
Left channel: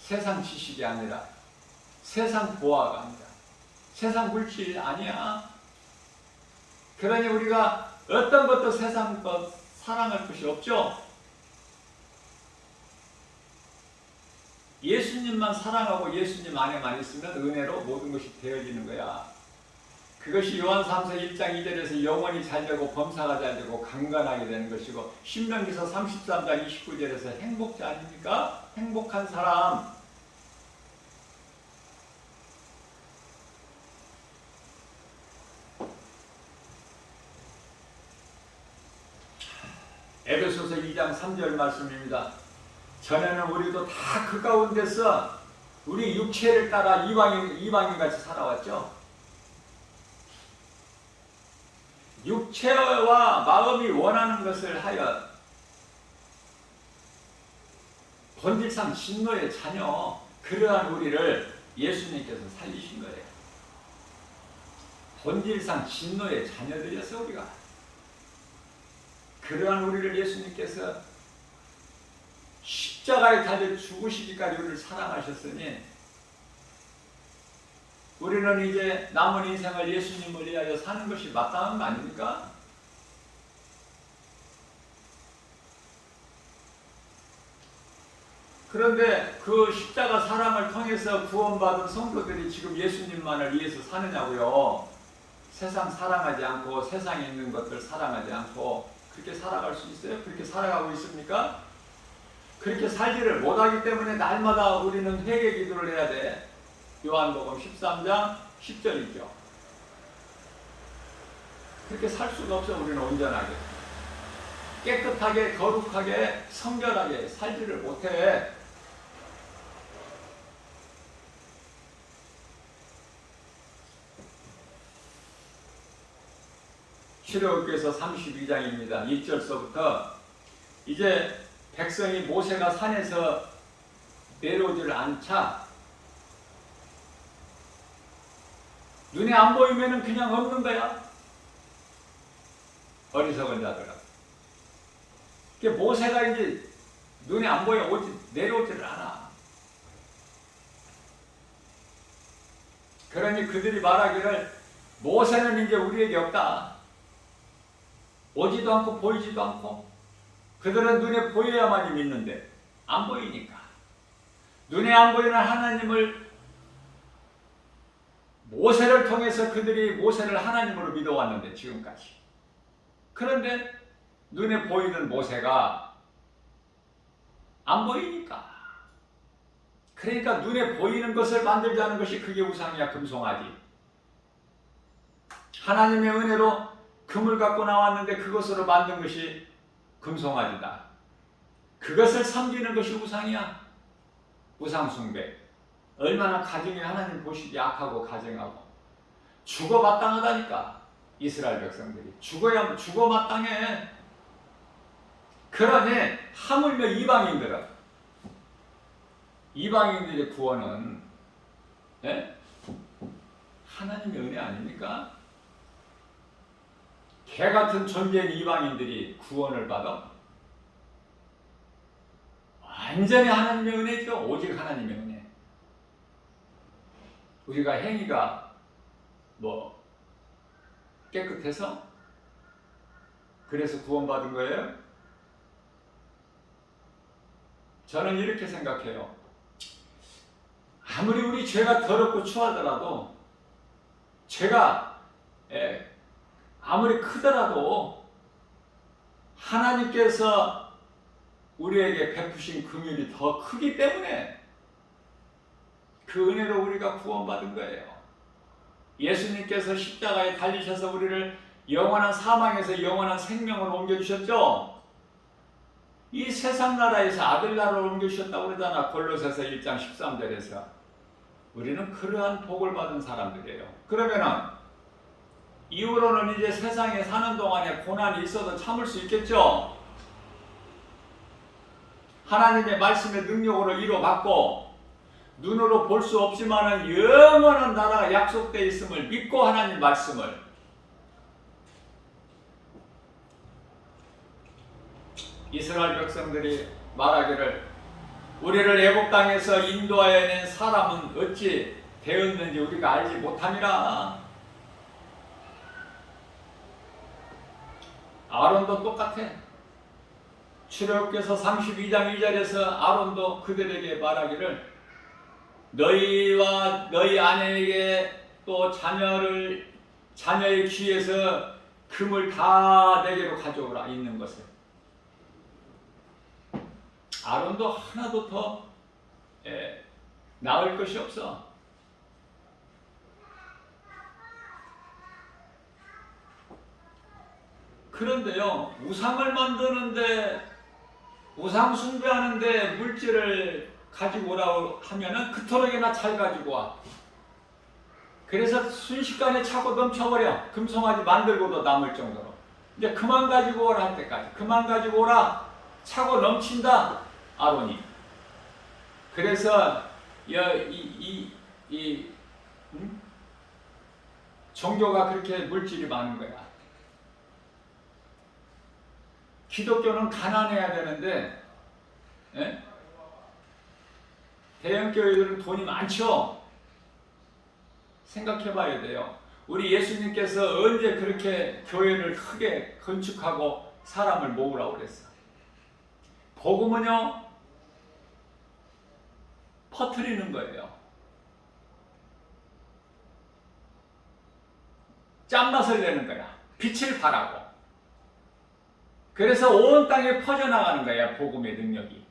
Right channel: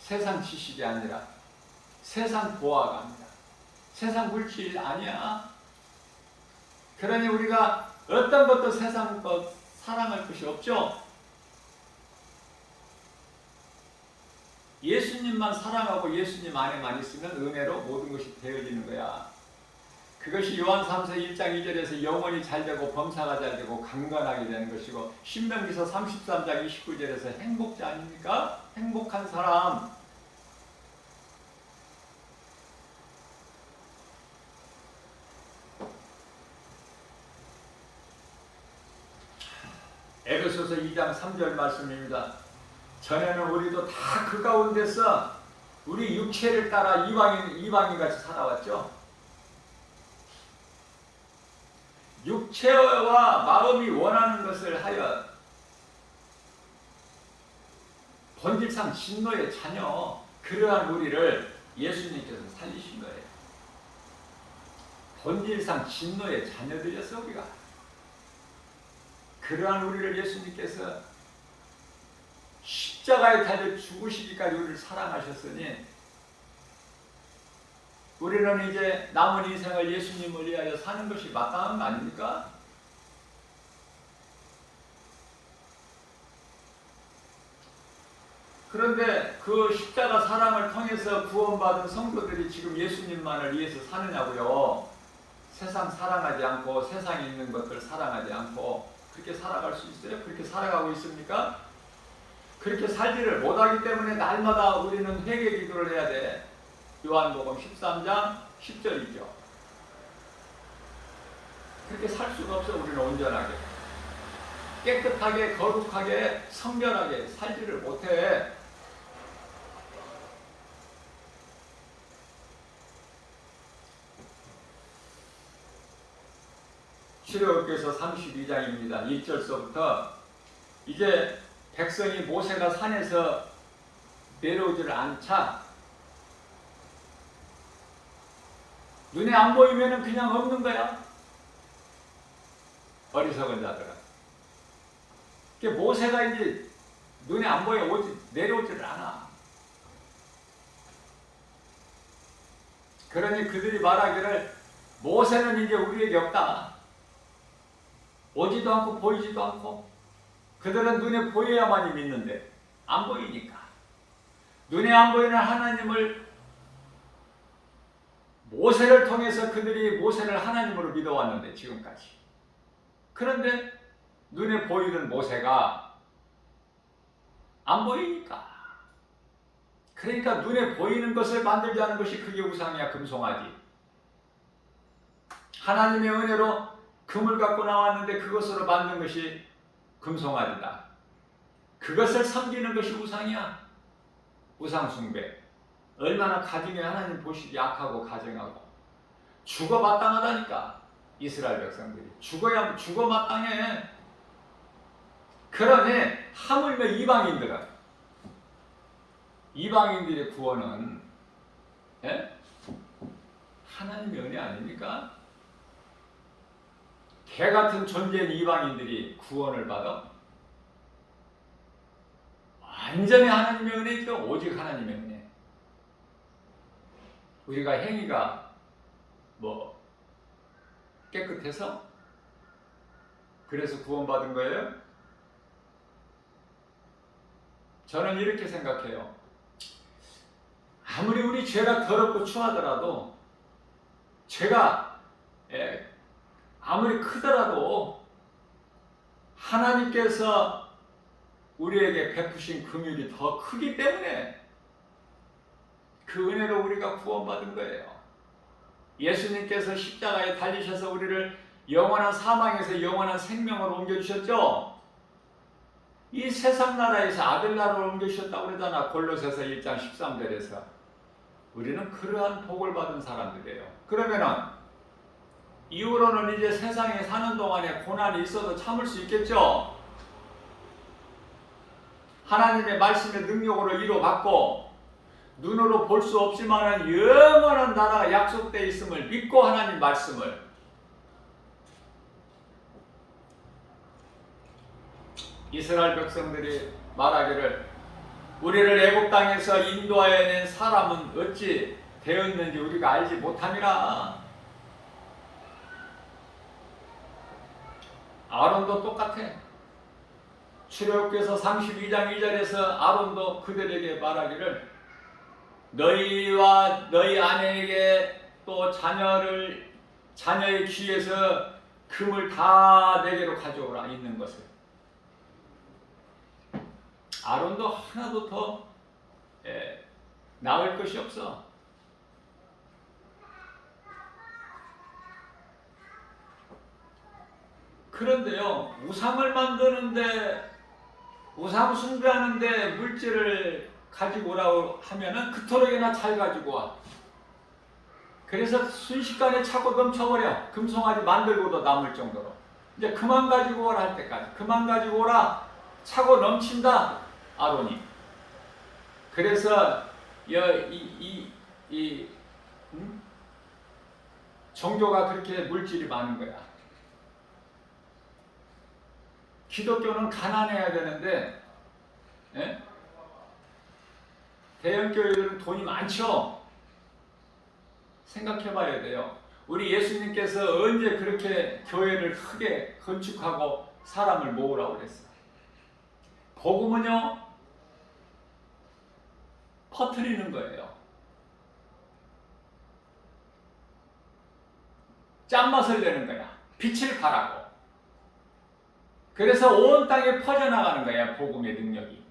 세상 지식이 아니라 세상 보화가 아니라 세상 물질 아니야. 그러니 우리가 어떤 것도 세상 것 사랑할 것이 없죠. 예수님만 사랑하고 예수님 안에만 있으면 은혜로 모든 것이 되어지는 거야. 그것이 요한 3서 1장 2절에서 영혼이 잘되고 범사가 잘되고 강건하게 되는 것이고 신명기서 33장 29절에서 행복자 아닙니까? 행복한 사람. 에베소서 2장 3절 말씀입니다. 전에는 우리도 다 그 가운데서 우리 육체를 따라 이방인같이 살아왔죠. 육체와 마음이 원하는 것을 하여 본질상 진노의 자녀, 그러한 우리를 예수님께서 살리신 거예요. 본질상 진노의 자녀들이었어 우리가. 그러한 우리를 예수님께서 십자가에 달려 죽으시기까지 우리를 사랑하셨으니 우리는 이제 남은 인생을 예수님을 위하여 사는 것이 마땅한 거 아닙니까? 그런데 그 십자가 사랑을 통해서 구원받은 성도들이 지금 예수님만을 위해서 사느냐고요. 세상 사랑하지 않고 세상에 있는 것들 사랑하지 않고 그렇게 살아갈 수 있어요? 그렇게 살아가고 있습니까? 그렇게 살지를 못하기 때문에 날마다 우리는 회개 기도를 해야 돼. 요한복음 13장 10절이죠. 그렇게 살 수가 없어. 우리는 온전하게 깨끗하게 거룩하게 성결하게 살지를 못해. 출애굽기서 32장입니다. 1절서부터 이제 백성이 모세가 산에서 내려오지를 않자 눈에 안 보이면은 그냥 없는 거야. 어리석은 자들아. 모세가 이제 눈에 안 보여 내려오지를 않아. 그러니 그들이 말하기를 모세는 이제 우리에게 없다. 오지도 않고 보이지도 않고. 그들은 눈에 보여야만이 믿는데 안 보이니까. 눈에 안 보이는 하나님을 모세를 통해서 그들이 모세를 하나님으로 믿어왔는데 지금까지. 그런데 눈에 보이던 모세가 안 보이니까. 그러니까 눈에 보이는 것을 만들지 않은 것이 그게 우상이야. 금송아지. 하나님의 은혜로 금을 갖고 나왔는데 그것으로 만든 것이 금송아지다. 그것을 섬기는 것이 우상이야. 우상숭배. 얼마나 가정에 하나님 보시기 약하고 가정하고 죽어 마땅하다니까. 이스라엘 백성들이 죽어 마땅해. 그러니 하물며 이방인들의 구원은 하나님의 은혜 아닙니까? 개 같은 존재인 이방인들이 구원을 받아? 완전히 하나님의 은혜죠. 오직 하나님의 은혜. 우리가 행위가 깨끗해서 그래서 구원받은 거예요? 저는 이렇게 생각해요. 아무리 우리 죄가 더럽고 추하더라도 죄가 아무리 크더라도 하나님께서 우리에게 베푸신 긍휼이 더 크기 때문에 그 은혜로 우리가 구원받은 거예요. 예수님께서 십자가에 달리셔서 우리를 영원한 사망에서 영원한 생명으로 옮겨주셨죠. 이 세상 나라에서 아들 나라로 옮겨주셨다고 그러잖아. 골로새서 1장 13절에서. 우리는 그러한 복을 받은 사람들이에요. 그러면은 이후로는 이제 세상에 사는 동안에 고난이 있어도 참을 수 있겠죠. 하나님의 말씀의 능력으로 이루어받고 눈으로 볼 수 없지만은 영원한 나라가 약속되어 있음을 믿고 하나님 말씀을 이스라엘 백성들이 말하기를 우리를 애굽 땅에서 인도하여 낸 사람은 어찌 되었는지 우리가 알지 못함이라. 아론도 똑같아. 출애굽기서 32장 2절에서 아론도 그들에게 말하기를 너희와 너희 아내에게 또 자녀의 귀에서 금을 다 내게로 가져오라. 있는 것을. 아론도 하나도 더 나을 것이 없어. 그런데요, 우상을 만드는데, 우상 숭배하는데 물질을 가지고 오라고 하면은 그토록이나 잘 가지고 와. 그래서 순식간에 차고 넘쳐버려. 금송아지 만들고도 남을 정도로. 이제 그만 가지고 오라 할 때까지. 그만 가지고 오라. 차고 넘친다. 아론이. 그래서 종교가 그렇게 물질이 많은 거야. 기독교는 가난해야 되는데 대형교회들은 돈이 많죠. 생각해 봐야 돼요. 우리 예수님께서 언제 그렇게 교회를 크게 건축하고 사람을 모으라고 그랬어? 복음은요, 퍼뜨리는 거예요. 짠맛을 내는 거야. 빛을 발하고. 그래서 온 땅에 퍼져나가는 거야, 복음의 능력이.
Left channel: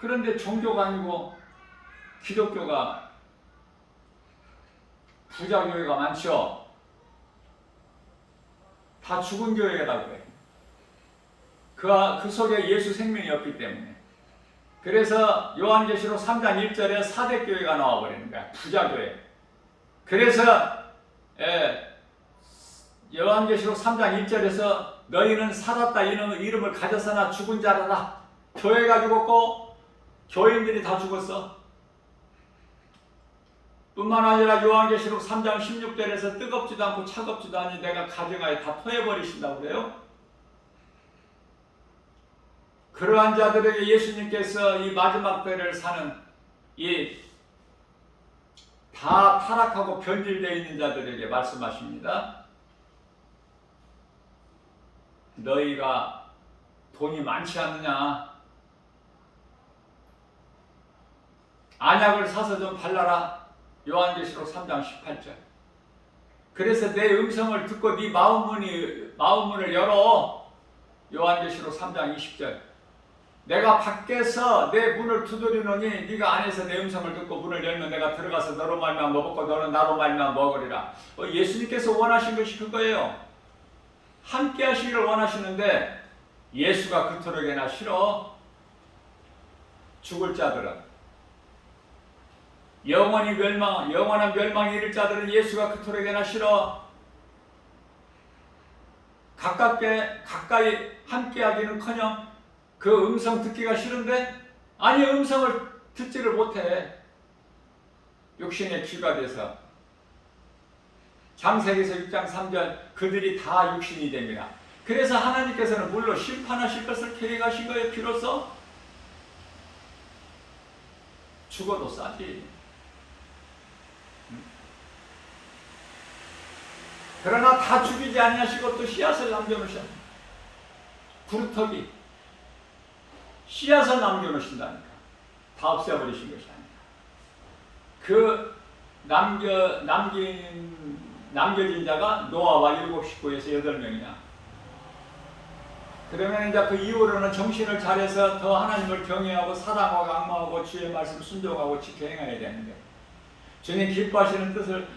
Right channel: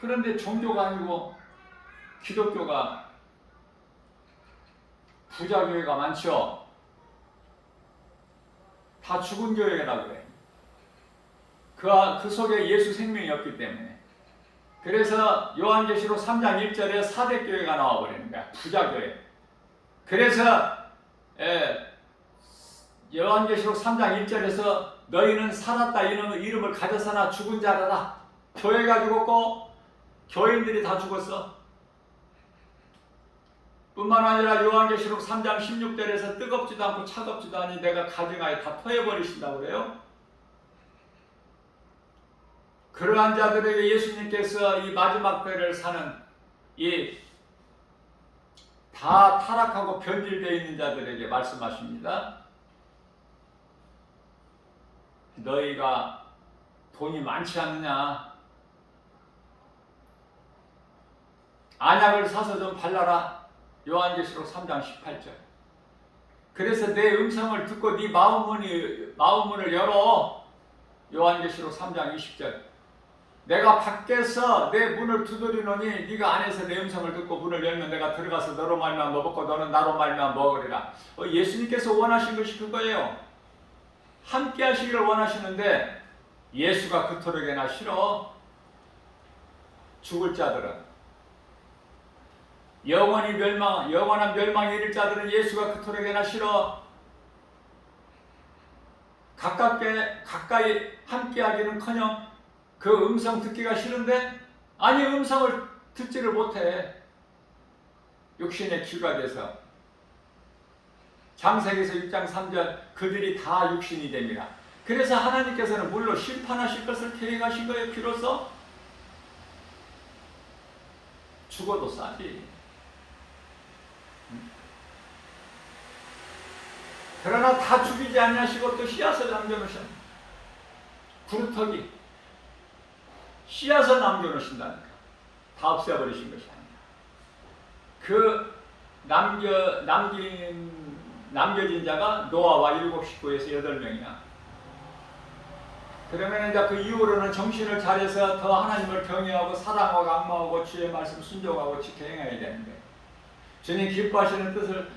그런데 종교가 아니고 기독교가 부자 교회가 많죠. 다 죽은 교회라고 그래. 그 속에 예수 생명이 없기 때문에. 그래서 요한계시록 3장 1절에 사대교회가 나와버리는 거야. 부자 교회. 그래서 요한계시록 3장 1절에서 너희는 살았다 이름을 가졌으나 죽은 자라다. 교회가 죽었고 교인들이 다 죽었어. 뿐만 아니라 요한계시록 3장 16절에서 뜨겁지도 않고 차갑지도 않니 내가 가정하에 다 토해버리신다고 그래요. 그러한 자들에게 예수님께서 이 마지막 때를 사는 이 다 타락하고 변질되어 있는 자들에게 말씀하십니다. 너희가 돈이 많지 않느냐? 안약을 사서 좀 발라라. 요한계시록 3장 18절. 그래서 내 음성을 듣고 네 마음문을 열어. 요한계시록 3장 20절. 내가 밖에서 내 문을 두드리노니 네가 안에서 내 음성을 듣고 문을 열면 내가 들어가서 너로 말미암아 먹고 너는 나로 말미암아 먹으리라. 예수님께서 원하신 것이 그거예요. 함께 하시기를 원하시는데 예수가 그토록이나 싫어. 죽을 자들은 영원한 멸망에 이를 자들은 예수가 그토록이나 싫어. 가까이 함께 하기는커녕 그 음성 듣기가 싫은데 아니 음성을 듣지를 못해. 육신의 귀가 돼서 창세기서 6장 3절 그들이 다 육신이 됩니다. 그래서 하나님께서는 물로 심판하실 것을 계획하신 거예요. 비로소 죽어도 싸지. 그러나 다 죽이지 아니하시고 또 씨앗을 남겨놓으셨네. 구루터기 씨앗을 남겨놓으신다니까. 다 없애버리신 것이 아니라 그 남겨진 자가 노아와 7 식구에서 8명이야. 그러면 이제 그 이후로는 정신을 차려서 더 하나님을 경외하고 사랑하고 강구하고 주의 말씀 순종하고 지켜 행해야 되는데 주님 기뻐하시는 뜻을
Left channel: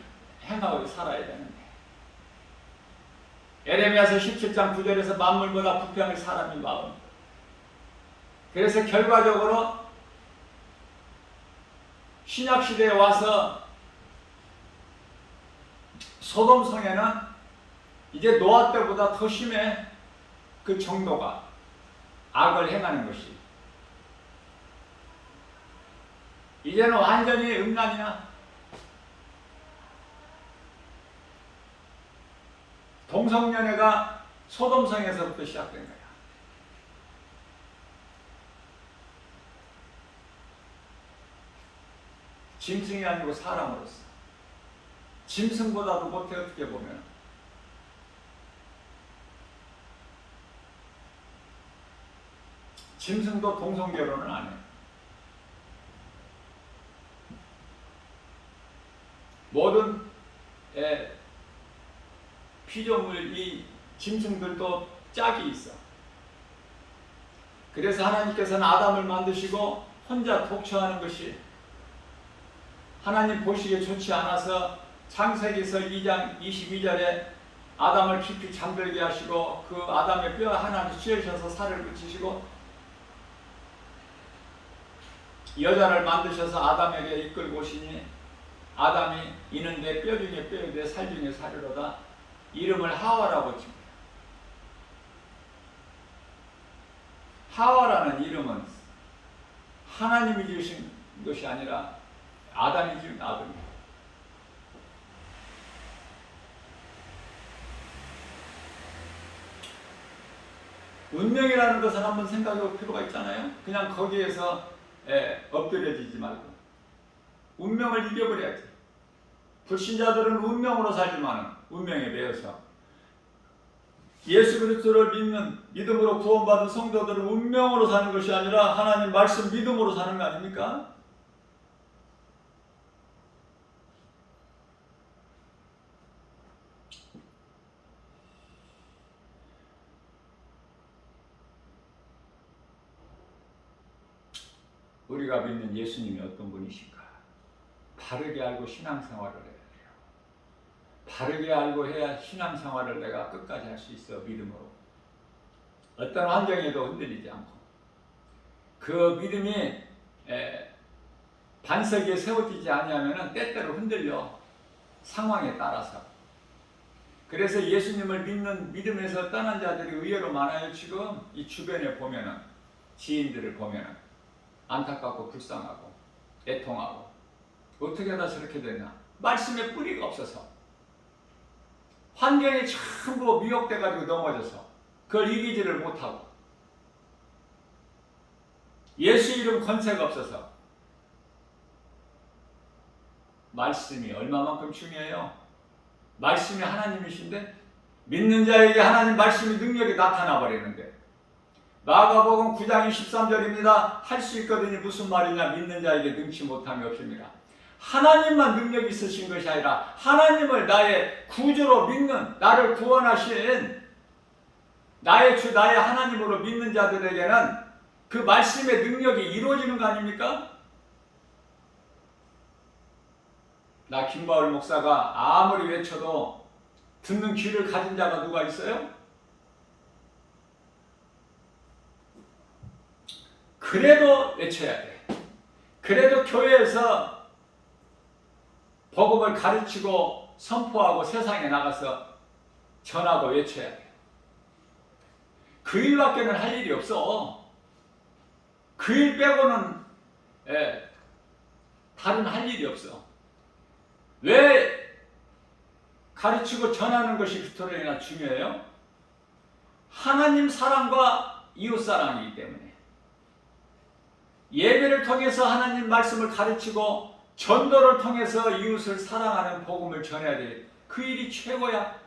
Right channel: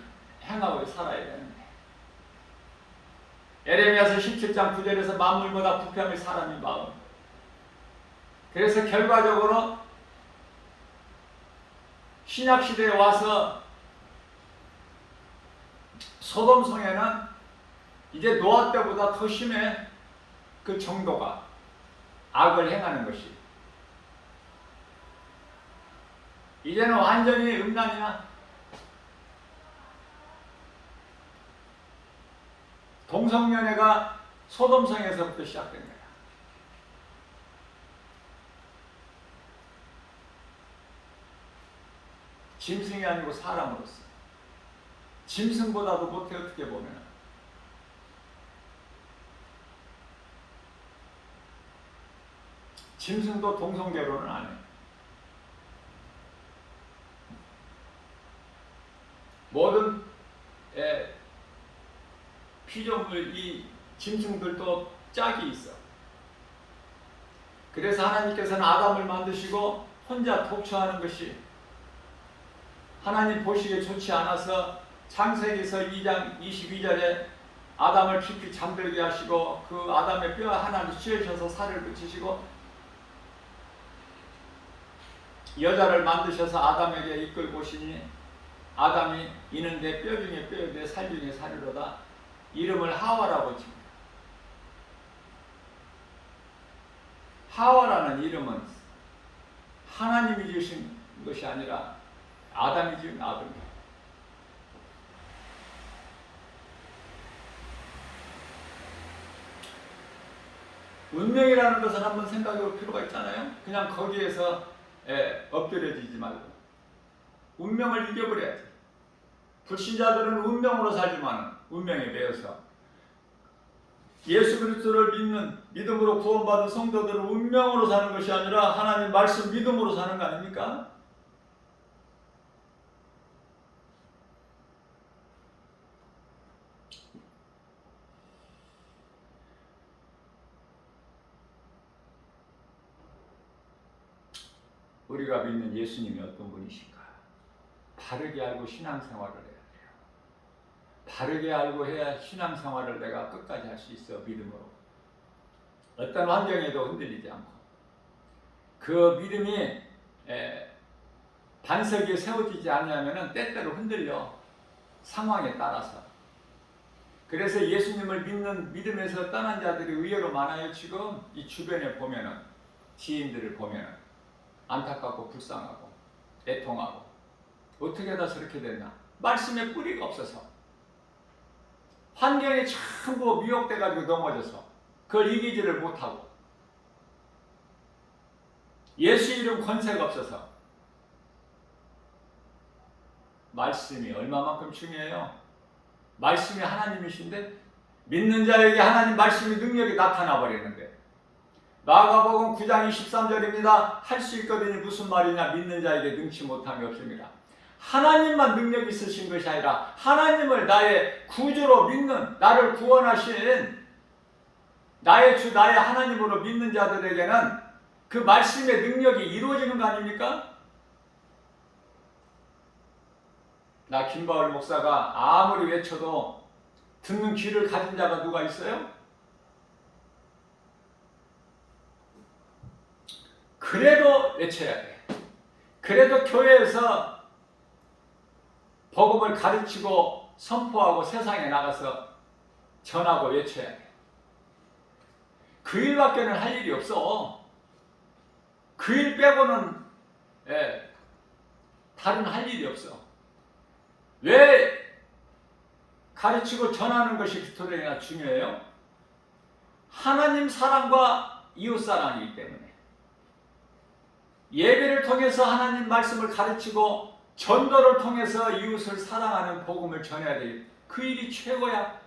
행하고 살아야 되는데 에레미야서 17장 9절에서 만물보다 부평의 사람이 마음. 그래서 결과적으로 신약시대에 와서 소돔성에는 이제 노아 때보다 더 심해. 그 정도가 악을 행하는 것이 이제는 완전히 음란이야. 동성연애가 소돔성에서부터 시작된 거야. 짐승이 아니고 사람으로서. 짐승보다도 못해. 어떻게 보면 짐승도 동성결혼은 안 해. 모든 피조물 이 짐승들도 짝이 있어. 그래서 하나님께서는 아담을 만드시고 혼자 독처하는 것이 하나님 보시기에 좋지 않아서 창세기서 2장 22절에 아담을 깊이 잠들게 하시고 그 아담의 뼈 하나를 쥐으셔서 살을 붙이시고 여자를 만드셔서 아담에게 이끌고 오시니 아담이 이는 내 뼈 중에 뼈요 내 살 중에 살이로다. 이름을 하와라고 칩니다. 하와라는 이름은 하나님이 지으신 것이 아니라 아담이 지은 아들이에요. 운명이라는 것을 한번 생각해 볼 필요가 있잖아요. 그냥 거기에서 엎드려지지 말고 운명을 이겨버려야지. 불신자들은 운명으로 살지만 운명에 매여서 예수 그리스도를 믿는 믿음으로 구원받은 성도들은 운명으로 사는 것이 아니라 하나님 말씀 믿음으로 사는 거 아닙니까? 우리가 믿는 예수님이 어떤 분이신가? 바르게 알고 신앙생활을 해야 돼요. 바르게 알고 해야 신앙생활을 내가 끝까지 할 수 있어. 믿음으로. 어떤 환경에도 흔들리지 않고 그 믿음이 반석 위에 세워지지 아니하면 때때로 흔들려. 상황에 따라서. 그래서 예수님을 믿음에서 떠난 자들이 의외로 많아요. 지금 이 주변에 보면은, 지인들을 보면은 안타깝고 불쌍하고 애통하고, 어떻게 하다 저렇게 됐나? 말씀에 뿌리가 없어서, 환경에 전부 미혹돼 가지고 넘어져서 그걸 이기지를 못하고, 예수 이름 권세가 없어서. 말씀이 얼마만큼 중요해요. 말씀이 하나님이신데, 믿는 자에게 하나님 말씀의 능력이 나타나 버리는데, 마가복음 9장 23절입니다. 할 수 있거든요. 무슨 말이냐? 믿는 자에게 능치 못함이 없습니다. 하나님만 능력이 있으신 것이 아니라 하나님을 나의 구주로 믿는, 나를 구원하신 나의 주 나의 하나님으로 믿는 자들에게는 그 말씀의 능력이 이루어지는 거 아닙니까? 나 김바울 목사가 아무리 외쳐도 듣는 귀를 가진 자가 누가 있어요? 그래도 외쳐야 돼. 그래도 교회에서 복음을 가르치고 선포하고 세상에 나가서 전하고 외쳐야 돼. 그 일밖에는 할 일이 없어. 그 일 빼고는 다른 할 일이 없어. 왜 가르치고 전하는 것이 그토록이나 중요해요? 하나님 사랑과 이웃 사랑이기 때문에. 예배를 통해서 하나님 말씀을 가르치고 전도를 통해서 이웃을 사랑하는 복음을 전해야 되겠다. 그 일이 최고야.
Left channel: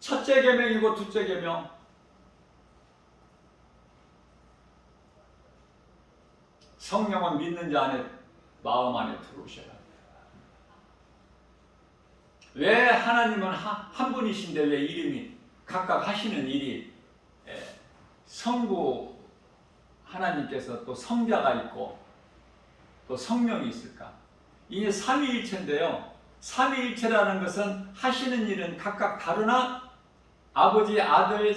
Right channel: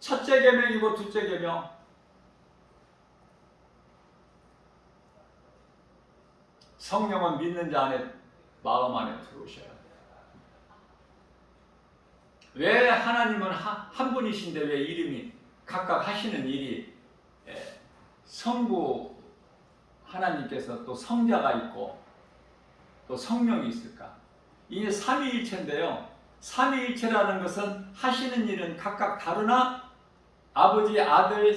첫째 계명이고 둘째 계명. 성령은 믿는 자 안에, 마음 안에 들어오셔야 합니다. 왜 하나님은 한 분이신데 왜 이름이 각각 하시는 일이 성부 하나님께서 또 성자가 있고 또 성령이 있을까? 이게 삼위일체인데요. 삼위일체라는 것은 하시는 일은 각각 다르나, 아버지, 아들,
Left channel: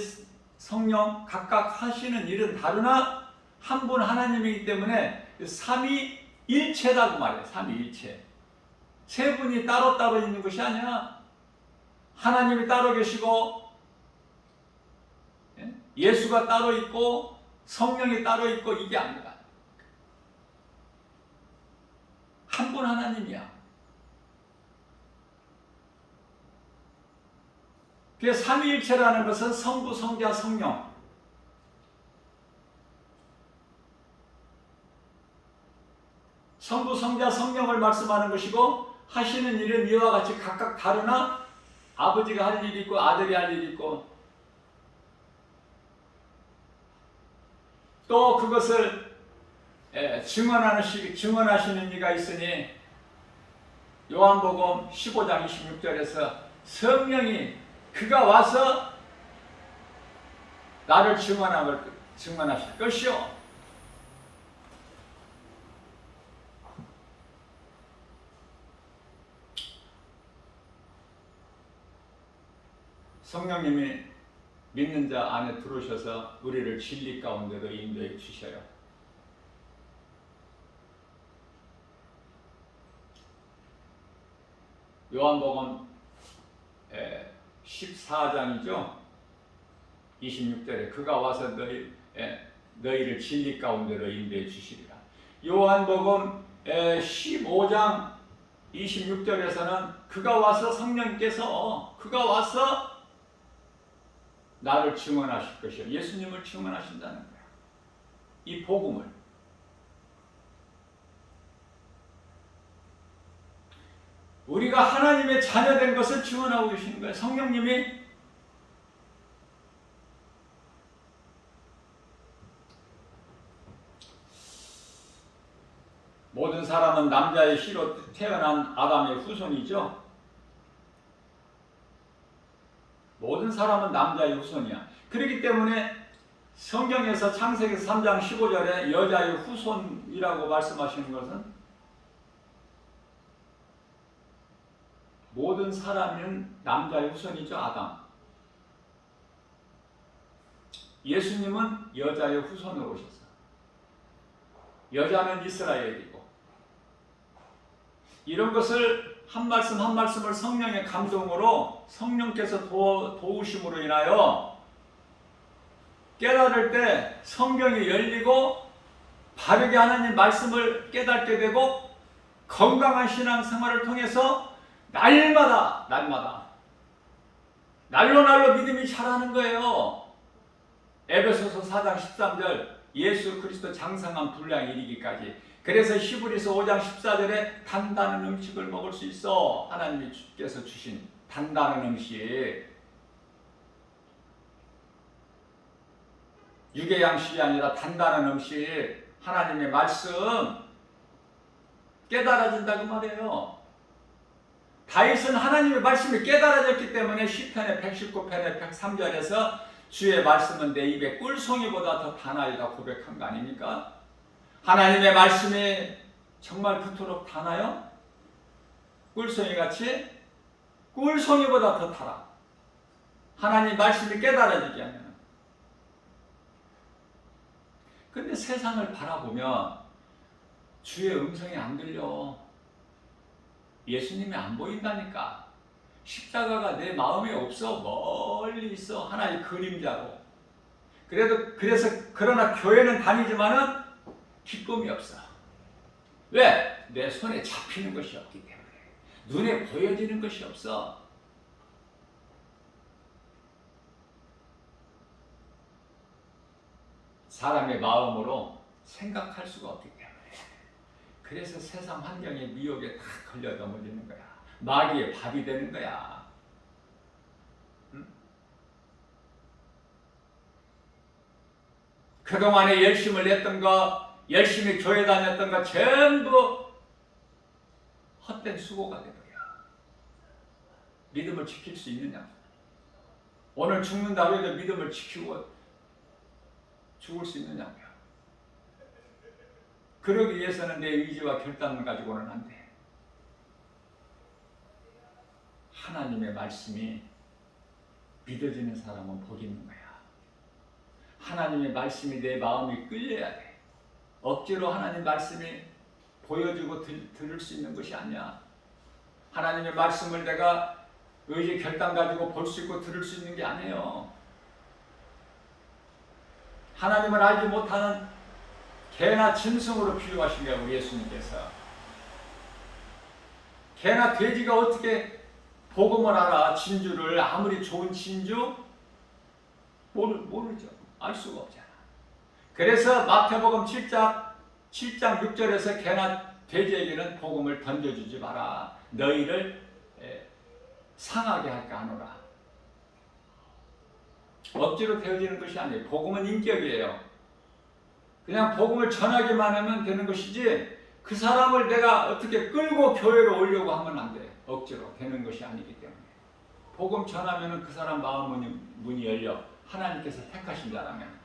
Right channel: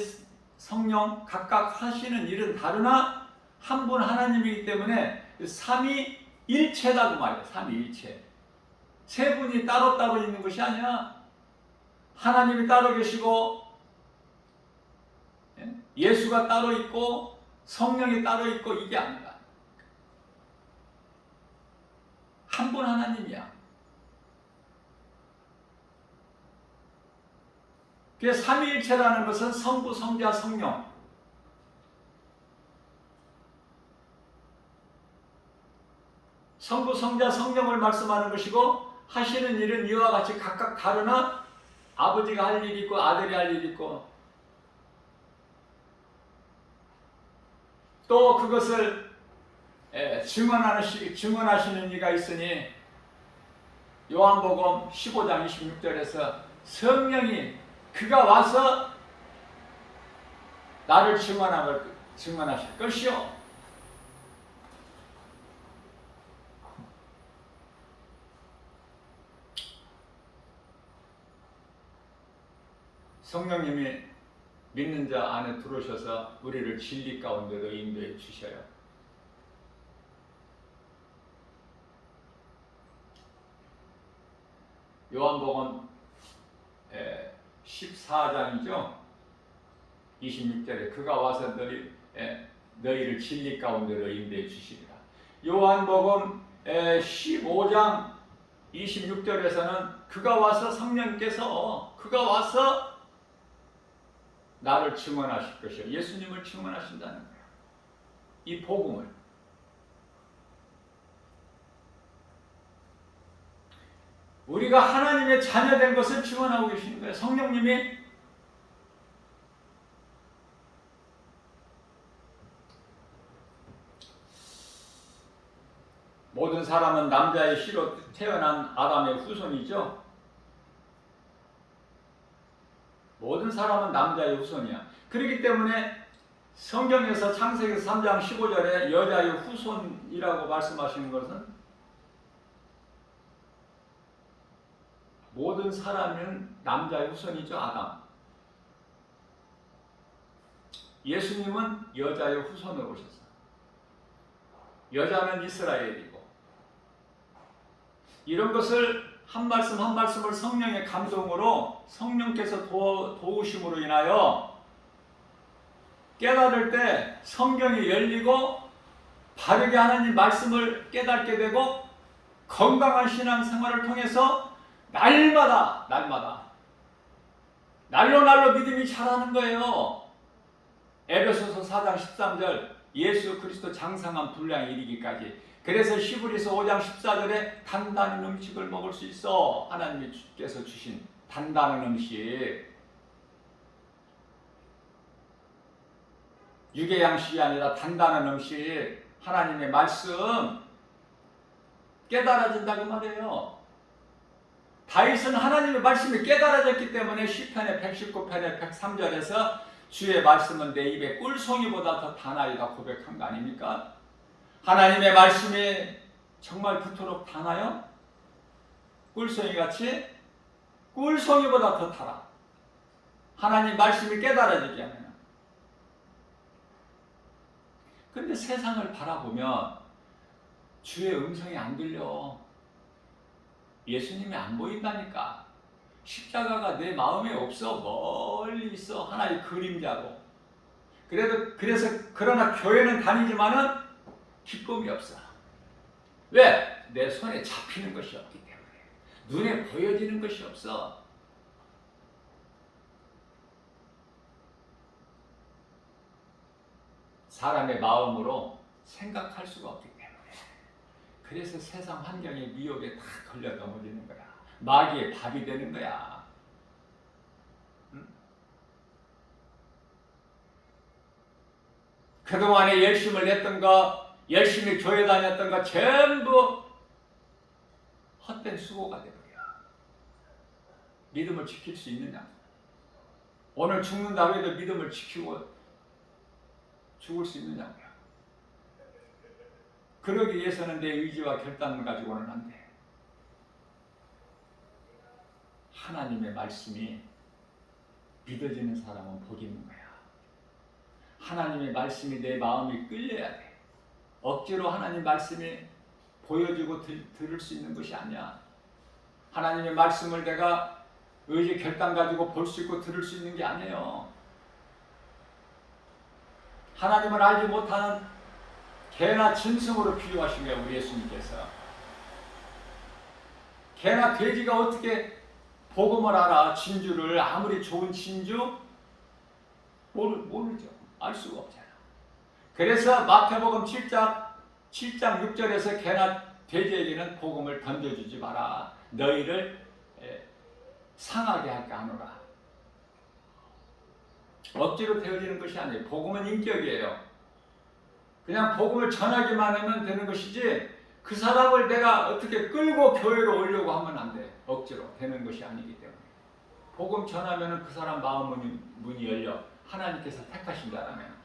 성령 각각 하시는 일은 다르나 한 분 하나님이기 때문에 삼위일체라고 말해요. 삼위일체. 세 분이 따로따로 있는 것이 아니야. 하나님이 따로 계시고 예수가 따로 있고 성령이 따로 있고, 이게 아니라 한 분 하나님이야. 그래서 삼위일체라는 것은 성부, 성자, 성령. 성부, 성자, 성령을 말씀하는 것이고, 하시는 일은 이와 같이 각각 다르나 아버지가 할 일이 있고 아들이 할 일이 있고, 또 그것을 증언하시는 이가 있으니 요한복음 15장 26절에서 성령이 그가 와서 나를 증언하실 것이요. 성령님이 믿는 자 안에 들어오셔서 우리를 진리 가운데로 인도해 주셔요. 요한복음 14장이죠. 26절에 그가 와서 너희를 진리 가운데로 인도해 주시리라. 요한복음 15장 26절에서는 그가 와서, 성령께서 그가 와서 나를 증언하실 것이요. 예수님을 증언하신다는 거야. 이 복음을. 우리가 하나님의 자녀된 것을 증언하고 계시는 거예요. 성령님이 모든 사람은 남자의 씨로 태어난 아담의 후손이죠. 모든 사람은 남자의 후손이야. 그렇기 때문에 성경에서 창세기에서 3장 15절에 여자의 후손이라고 말씀하시는 것은 모든 사람은 남자의 후손이죠. 아담. 예수님은 여자의 후손으로 오셨어. 여자는 이스라엘이고. 이런 것을 한 말씀 한 말씀을 성령의 감동으로 성령께서 도우심으로 인하여 깨달을 때 성경이 열리고 바르게 하나님 말씀을 깨닫게 되고 건강한 신앙생활을 통해서 날마다 날로 믿음이 자라는 거예요. 에베소서 4장 13절 예수 그리스도 장성한 분량에 이르기까지. 그래서 히브리서 5장 14절에 단단한 음식을 먹을 수 있어. 하나님께서 주신 단단한 음식. 육의 양식이 아니라 단단한 음식. 하나님의 말씀 깨달아진다 그 말이에요. 다윗은 하나님의 말씀이 깨달아졌기 때문에 시편의 119편의 103절에서 주의 말씀은 내 입에 꿀송이보다 더 다나이다 고백한 거 아닙니까? 하나님의 말씀이 정말 그토록 다나요? 꿀송이같이? 꿀송이보다 더 달아. 하나님 말씀이 깨달아지게 하면. 근데 세상을 바라보면 주의 음성이 안 들려. 예수님이 안 보인다니까. 십자가가 내 마음에 없어. 멀리 있어. 하나의 그림자로. 그래서 그러나 교회는 다니지만은 기쁨이 없어. 왜? 내 손에 잡히는 것이 없기 때문에. 눈에 보여지는 것이 없어. 사람의 마음으로 생각할 수가 없기 때문에. 그래서 세상 환경의 미혹에 다 걸려 넘어지는 거야. 마귀의 밥이 되는 거야. 그동안에 열심을 냈던 거, 열심히 교회 다녔던 거 전부 헛된 수고가 돼버려. 믿음을 지킬 수 있느냐? 오늘 죽는다고 해도 믿음을 지키고 죽을 수 있느냐고요. 그러기 위해서는 내 의지와 결단을 가지고는 안 돼. 하나님의 말씀이 믿어지는 사람은 복이 있는 거야. 하나님의 말씀이 내 마음이 끌려야 돼. 억지로 하나님 말씀이 보여주고 들을 수 있는 것이 아니야. 하나님의 말씀을 내가 의지 결단 가지고 볼 수 있고 들을 수 있는 게 아니에요. 하나님을 알지 못하는 개나 짐승으로 비유하신 거예요, 우리 예수님께서. 개나 돼지가 어떻게 복음을 알아? 진주를. 아무리 좋은 진주 모르죠. 알 수가 없잖아. 그래서 마태복음 7장 6절에서 개나 돼지에게는 복음을 던져주지 마라. 너희를 상하게 할까 하노라. 억지로 되어지는 것이 아니에요. 복음은 인격이에요. 그냥 복음을 전하기만 하면 되는 것이지 그 사람을 내가 어떻게 끌고 교회로 오려고 하면 안 돼. 억지로 되는 것이 아니기 때문에. 복음 전하면 그 사람 마음 문이 열려. 하나님께서 택하신 자라면.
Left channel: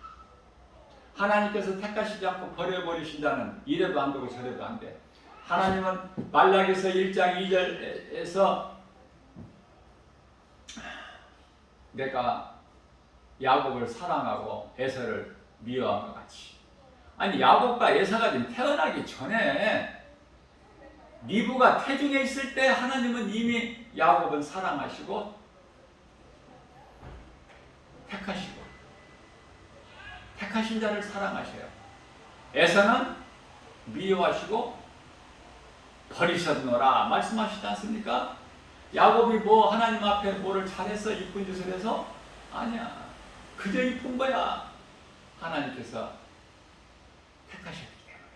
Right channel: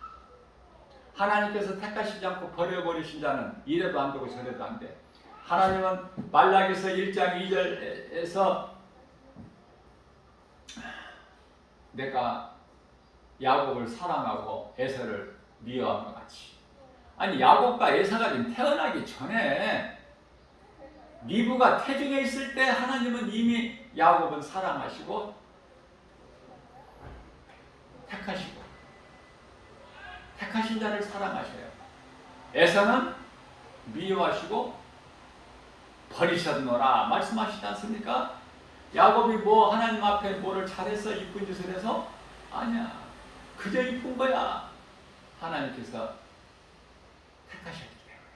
하나님께서 택하시지 않고 버려버리신 자는 이래도 안 되고 저래도 안 돼. 하나님은 말라기서 1장 2절에서 내가 야곱을 사랑하고 에서를 미워한 것 같이. 아니 야곱과 에서가 지금 태어나기 전에 리브가 태중에 있을 때 하나님은 이미 야곱은 사랑하시고 택하시고 택하신 자를 사랑하셔요. 에서는 미워하시고 버리셨노라 말씀하시지 않습니까? 야곱이 뭐 하나님 앞에 뭐를 잘해서 이쁜 짓을 해서? 아니야. 그저 이쁜 거야. 하나님께서 택하셨기 때문에.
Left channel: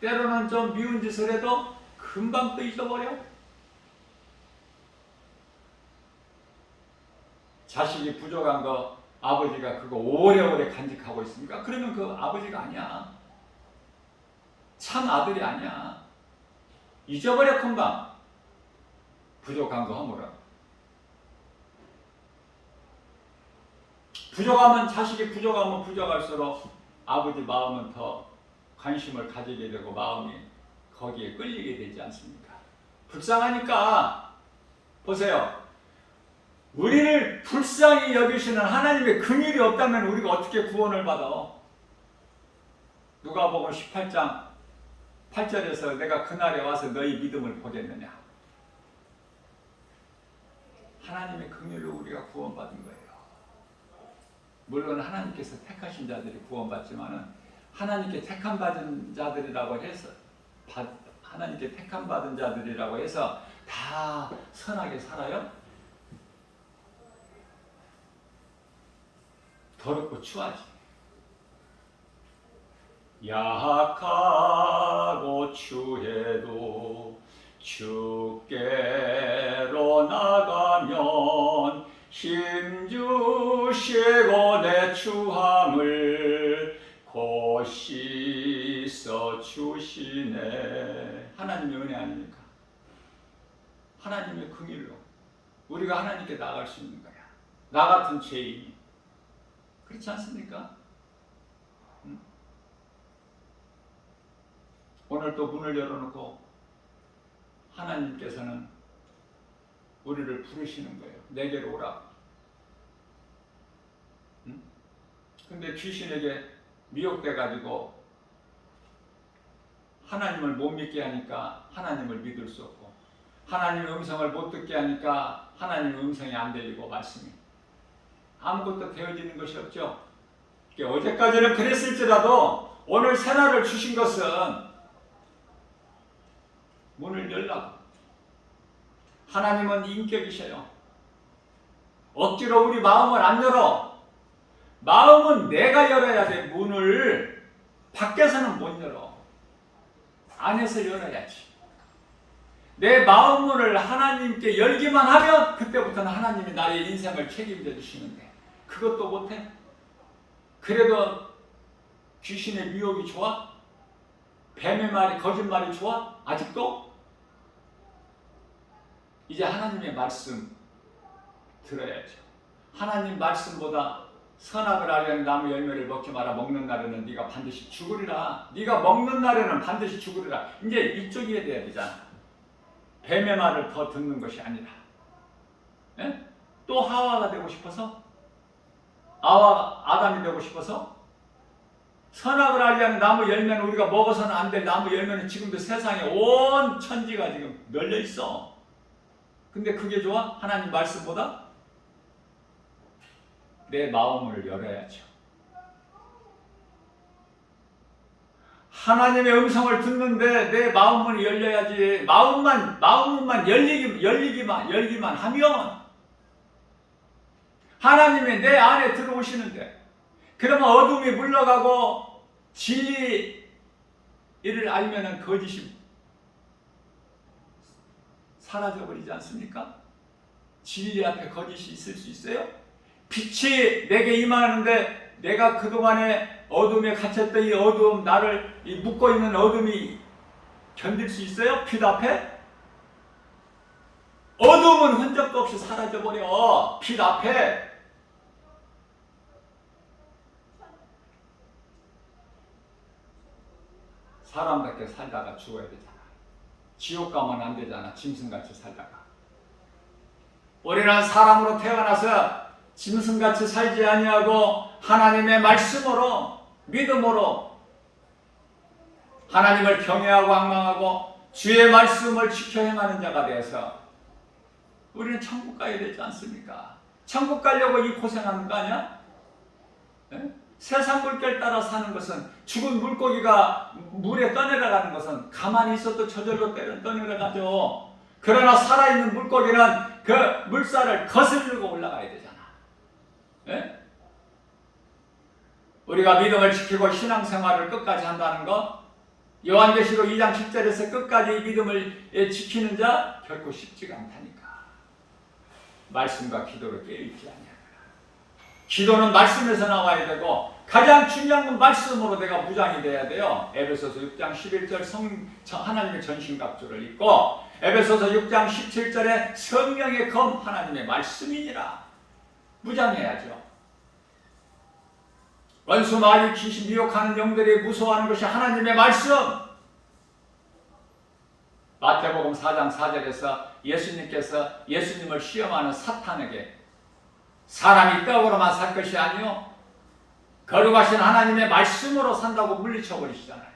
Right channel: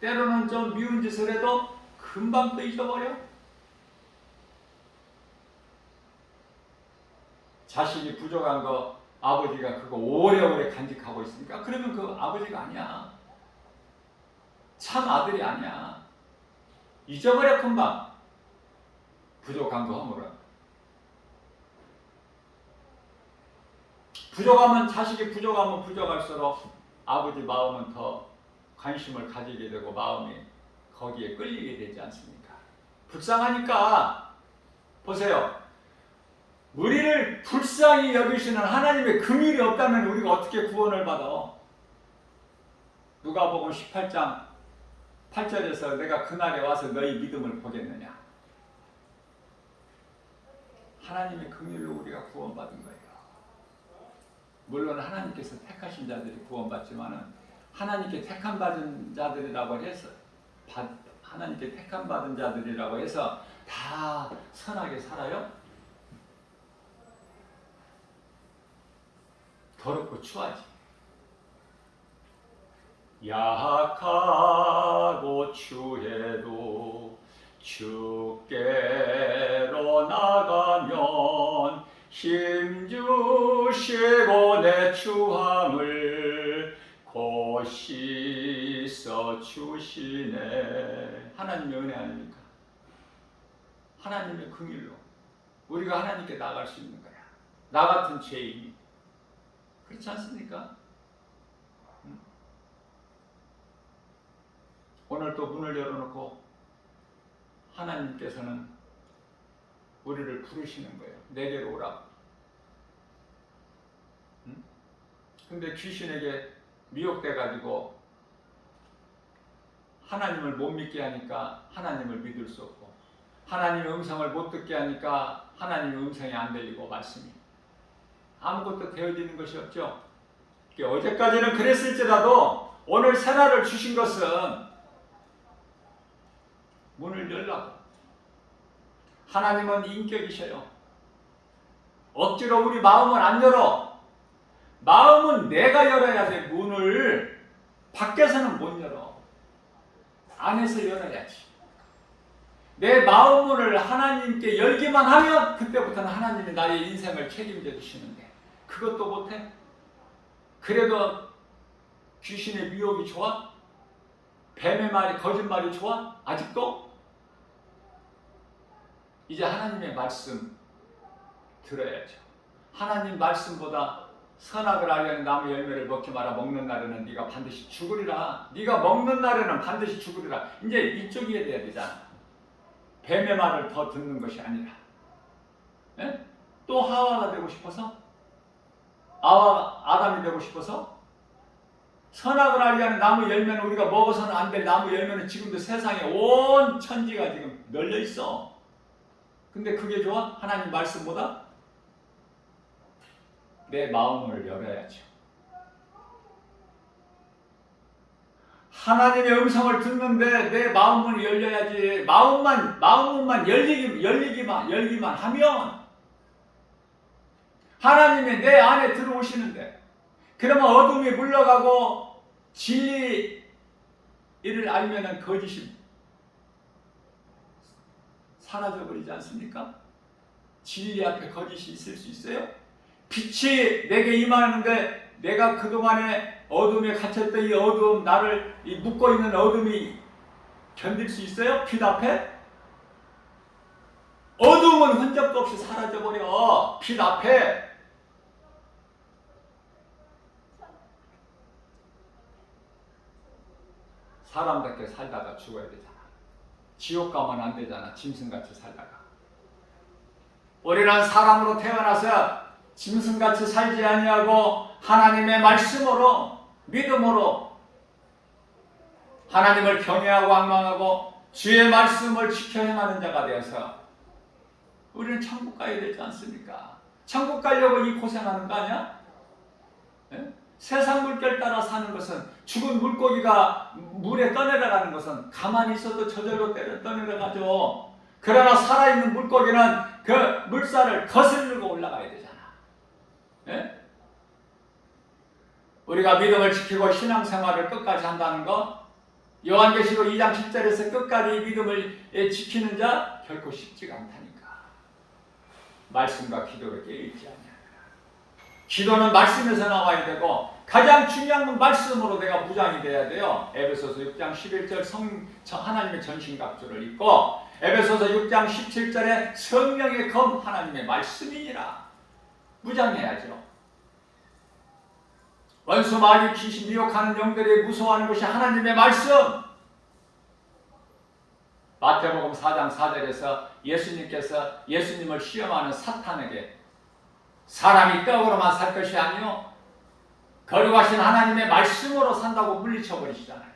때로는 좀 미운 짓을 해도 금방 또 잊어버려. 자식이 부족한 거 아버지가 그거 오래오래 간직하고 있습니까? 그러면 그 아버지가 아니야. 참 아들이 아니야. 잊어버려 금방. 부족한 거 허물어. 부족하면 자식이 부족하면 부족할수록 아버지 마음은 더 관심을 가지게 되고 마음이 거기에 끌리게 되지 않습니까? 불쌍하니까. 보세요. 우리를 불쌍히 여기시는 하나님의 긍휼이 없다면 우리가 어떻게 구원을 받아? 누가복음 18장 8절에서 내가 그날에 와서 너희 믿음을 보겠느냐? 하나님의 긍휼로 우리가 구원받은 거예요. 물론 하나님께서 택하신 자들이 구원받지만은 하나님께 택함 받은 자들이라고 해서 하나님께 택함 받은 자들이라고 해서 다 선하게 살아요? 더럽고 추하지. 약하고 추해도 주께로 나가면 힘주시고 내 추함을 곧 씻어 주시네. 하나님의 은혜 아닙니까? 하나님의 긍휼로 우리가 하나님께 나갈 수 있는 거야. 나 같은 죄인이. 그렇지 않습니까? 오늘 또 문을 열어놓고 하나님께서는 우리를 부르시는 거예요. 내게로 오라. 근데 귀신에게 미혹돼가지고 하나님을 못 믿게 하니까 하나님을 믿을 수 없고, 하나님의 음성을 못 듣게 하니까 하나님의 음성이 안 들리고 말씀이 아무것도 되어지는 것이 없죠. 어제까지는 그랬을지라도 오늘 새날을 주신 것은 문을 열라고. 하나님은 인격이셔요. 억지로 우리 마음을 안 열어. 마음은 내가 열어야 돼. 문을 밖에서는 못 열어. 안에서 열어야지. 내 마음 문을 하나님께 열기만 하면 그때부터는 하나님이 나의 인생을 책임져 주시는데 그것도 못해? 그래도 귀신의 미혹이 좋아? 뱀의 말이, 거짓말이 좋아? 아직도? 이제 하나님의 말씀 들어야죠. 하나님 말씀보다 선악을 알려는 나무 열매를 먹지 마라. 먹는 날에는 네가 반드시 죽으리라. 네가 먹는 날에는 반드시 죽으리라. 이제 이쪽이 돼야 되잖아. 뱀의 말을 더 듣는 것이 아니라. 에? 또 하와가 되고 싶어서? 아담이 되고 싶어서? 선악을 알려는 나무 열매는 우리가 먹어서는 안 될 나무 열매는 지금도 세상에 온 천지가 지금 널려 있어. 근데 그게 좋아? 하나님 말씀보다? 내 마음을 열어야죠. 하나님의 음성을 듣는데 내 마음문이 열려야지. 마음문만 열리기만 하면 하나님이 내 안에 들어오시는데, 그러면 어둠이 물러가고 진리를 알면은 거짓이 사라져버리지 않습니까? 진리 앞에 거짓이 있을 수 있어요? 빛이 내게 임하는데 내가 그동안에 어둠에 갇혔던 이 어두움, 나를 이 묶고 있는 어둠이 견딜 수 있어요? 빛 앞에? 어둠은 흔적도 없이 사라져버려. 빛 앞에. 사람답게 살다가 죽어야 되잖아. 지옥 가면 안 되잖아. 짐승같이 살다가. 우리는 사람으로 태어나서 짐승같이 살지 아니하고 하나님의 말씀으로, 믿음으로 하나님을 경외하고 앙망하고 주의 말씀을 지켜 행하는 자가 되어서 우리는 천국 가야 되지 않습니까? 천국 가려고 이 고생하는 거 아니야? 네? 세상 물결 따라 사는 것은, 죽은 물고기가 물에 떠내려가는 것은 가만히 있어도 저절로 떠내려가죠. 그러나 살아있는 물고기는 그 물살을 거슬르고 올라가야 되잖아. 예? 우리가 믿음을 지키고 신앙생활을 끝까지 한다는 것, 요한계시록 2장 7절에서 끝까지 믿음을 지키는 자 결코 쉽지가 않다니까. 말씀과 기도로 깨어있지 않냐. 기도는 말씀에서 나와야 되고 가장 중요한 건 말씀으로 내가 무장이 돼야 돼요. 에베소서 6장 11절 하나님의 전신갑주를 입고, 에베소서 6장 17절에 성령의 검 하나님의 말씀이니라. 무장해야죠. 원수 마귀 귀신 미혹하는 영들이 무서워하는 것이 하나님의 말씀. 마태복음 4장 4절에서 예수님께서 예수님을 시험하는 사탄에게 사람이 떡으로만 살 것이 아니요 거룩하신 하나님의 말씀으로 산다고 물리쳐 버리시잖아요.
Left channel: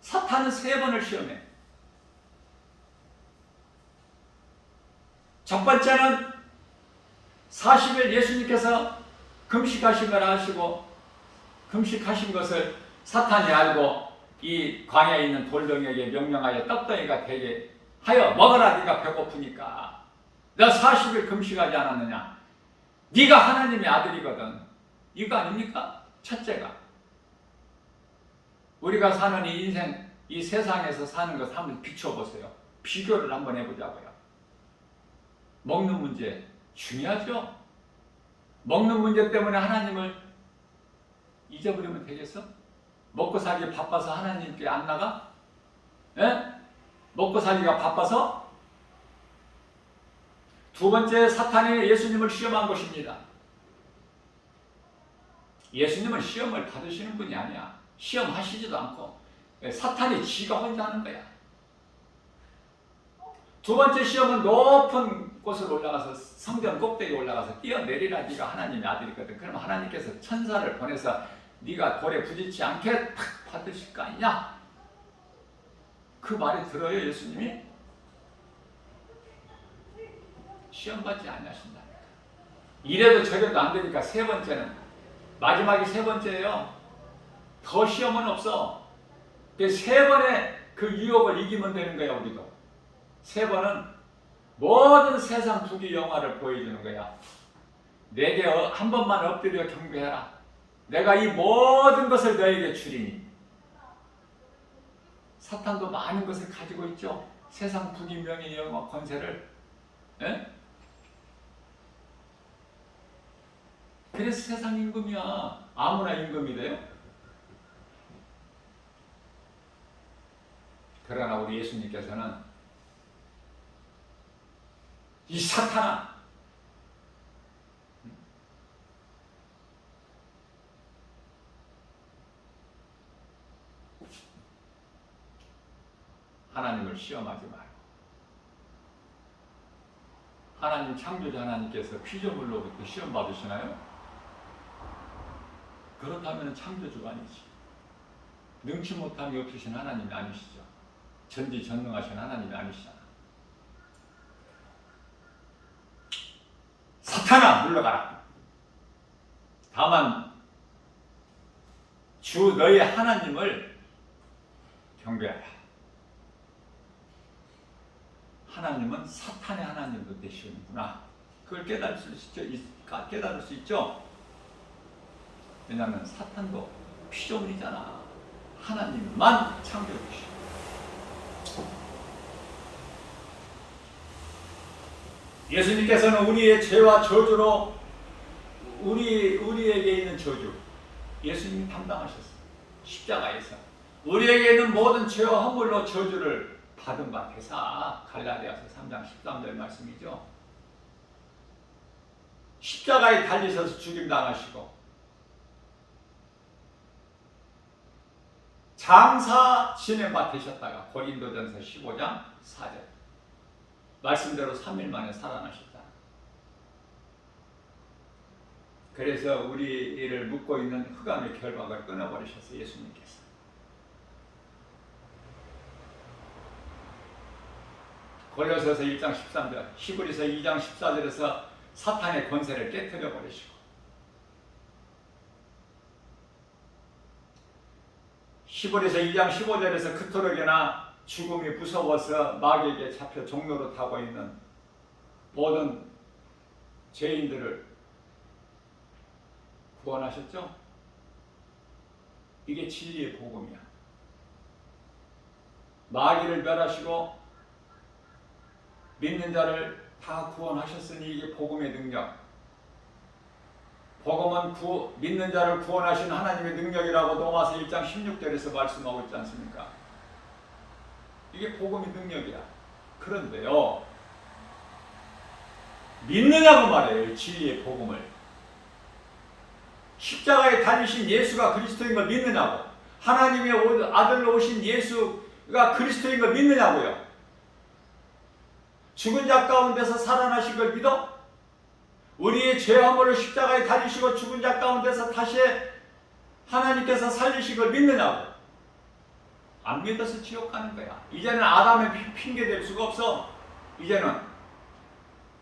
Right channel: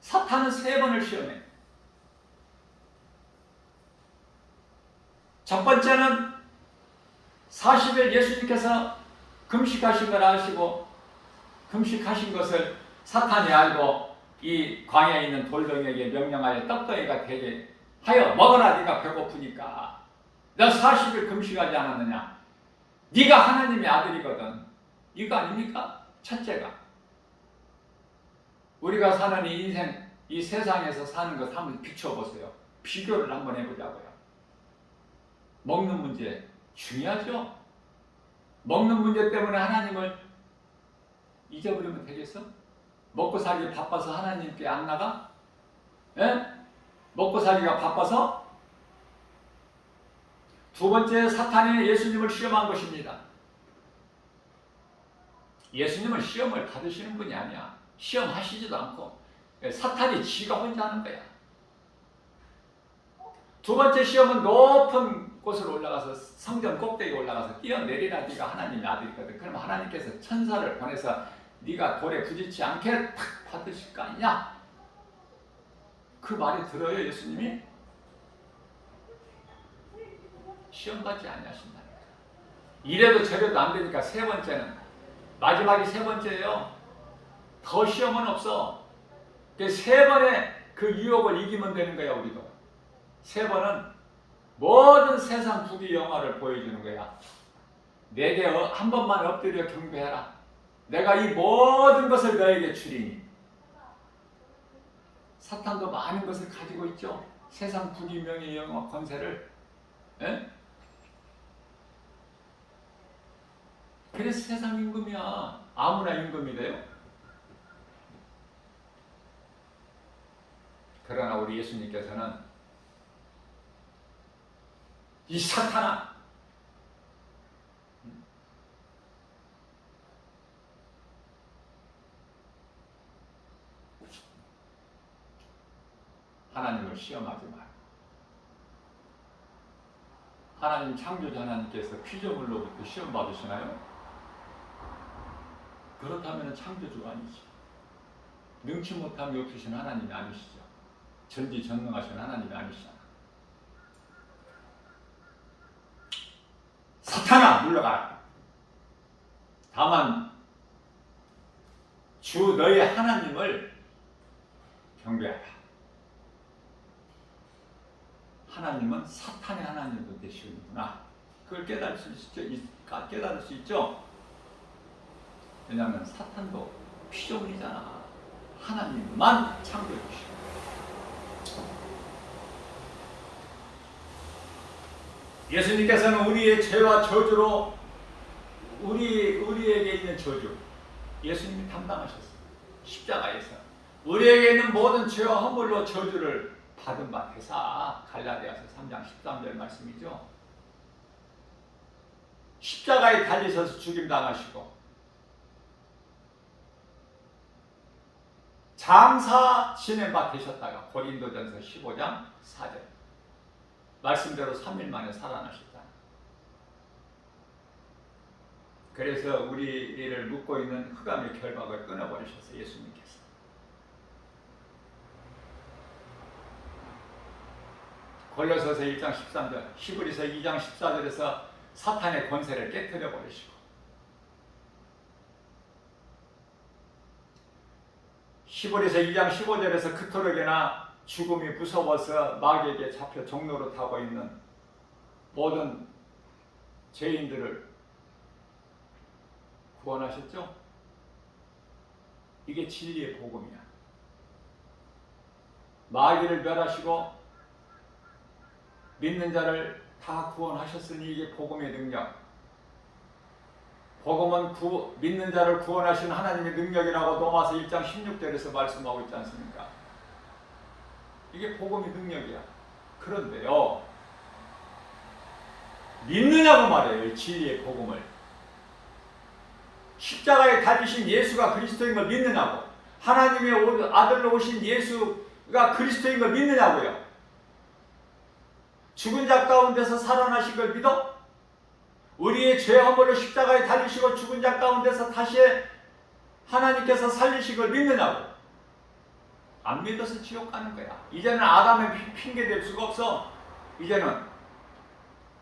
사탄은 3번을 시험해. 첫 번째는 40일 예수님께서 금식하신 걸 아시고 금식하신 것을 사탄이 알고 이 광야에 있는 돌덩이에게 명령하여 떡덩이가 되게 하여 먹어라. 네가 배고프니까. 너 40일 금식하지 않았느냐? 네가 하나님의 아들이거든. 이거 아닙니까? 첫째가. 우리가 사는 이 인생, 이 세상에서 사는 것 한번 비춰보세요. 비교를 한번 해보자고요. 먹는 문제 중요하죠? 먹는 문제 때문에 하나님을 잊어버리면 되겠어? 먹고 살기 바빠서 하나님께 안 나가? 예? 먹고 살기가 바빠서? 두 번째, 사탄이 예수님을 시험한 것입니다. 예수님은 시험을 받으시는 분이 아니야. 시험하시지도 않고 사탄이 지가 혼자 하는 거야. 두 번째 시험은 높은 곳으로 올라가서 성전 꼭대기에 올라가서 뛰어내리라. 네가 하나님의 아들이거든. 그럼 하나님께서 천사를 보내서 네가 돌에 부딪히지 않게 탁 받으실 거 아니냐? 그 말이 들어요 예수님이? 시험받지 아니하신다니까. 이래도 저래도 안 되니까 세 번째는, 마지막이 세 번째예요. 더 시험은 없어. 세 번의 그 유혹을 이기면 되는 거야. 우리도 세 번은 모든 세상 부귀 영화를 보여주는 거야. 내게 한 번만 엎드려 경배하라. 내가 이 모든 것을 너에게 주리니. 사탄도 많은 것을 가지고 있죠. 세상 부귀 명예 영화 권세를. 에? 그래서 세상 임금이야. 아무나 임금이 돼요. 그러나 우리 예수님께서는 이 사탄아, 하나님을 시험하지 말고. 하나님 창조자 하나님께서 피조물로부터 시험 받으시나요? 그렇다면 창조주가 아니지. 능치 못함이 없으신 하나님이 아니시죠. 전지전능하신 하나님이 아니시잖아. 사탄아 물러가라. 다만 주 너희 하나님을 경배하라. 하나님은 사탄의 하나님도 되시는구나. 그걸 깨달을 수 있죠. 왜냐하면 사탄도 피조물이잖아. 하나님만 창조주시고. 예수님께서는 우리의 죄와 저주로 우리에게 있는 저주 예수님이 담당하셨어요. 십자가에서 우리에게 있는 모든 죄와 허물로 저주를 받은 바 되사. 갈라디아서 3장 13절 말씀이죠. 십자가에 달리셔서 죽임당하시고 장사 지낸 바 되셨다가 고린도전서 15장 4절 말씀대로 3일 만에 살아나셨잖아. 그래서 우리를 묶고 있는 흑암의 결박을 끊어버리셨어요. 예수님께서. 골로새서 1장 13절, 히브리서 2장 14절에서 사탄의 권세를 깨뜨려 버리시고, 히브리서 2장 15절에서 그토록이나 죽음이 무서워서 마귀에게 잡혀 종로로 타고 있는 모든 죄인들을 구원하셨죠? 이게 진리의 복음이야. 마귀를 멸하시고 믿는 자를 다 구원하셨으니 이게 복음의 능력. 복음은 믿는 자를 구원하신 하나님의 능력이라고 로마서 1장 16절에서 말씀하고 있지 않습니까? 이게 복음의 능력이야. 그런데요, 믿느냐고 말해요. 진리의 복음을. 십자가에 달리신 예수가 그리스도인 걸 믿느냐고. 하나님의 아들로 오신 예수가 그리스도인 걸 믿느냐고요. 죽은 자 가운데서 살아나신 걸 믿어? 우리의 죄 허물을 십자가에 달리시고 죽은 자 가운데서 다시 하나님께서 살리신 걸 믿느냐고. 안 믿어서 지옥 가는 거야. 이제는 아담의 핑계 댈 수가 없어. 이제는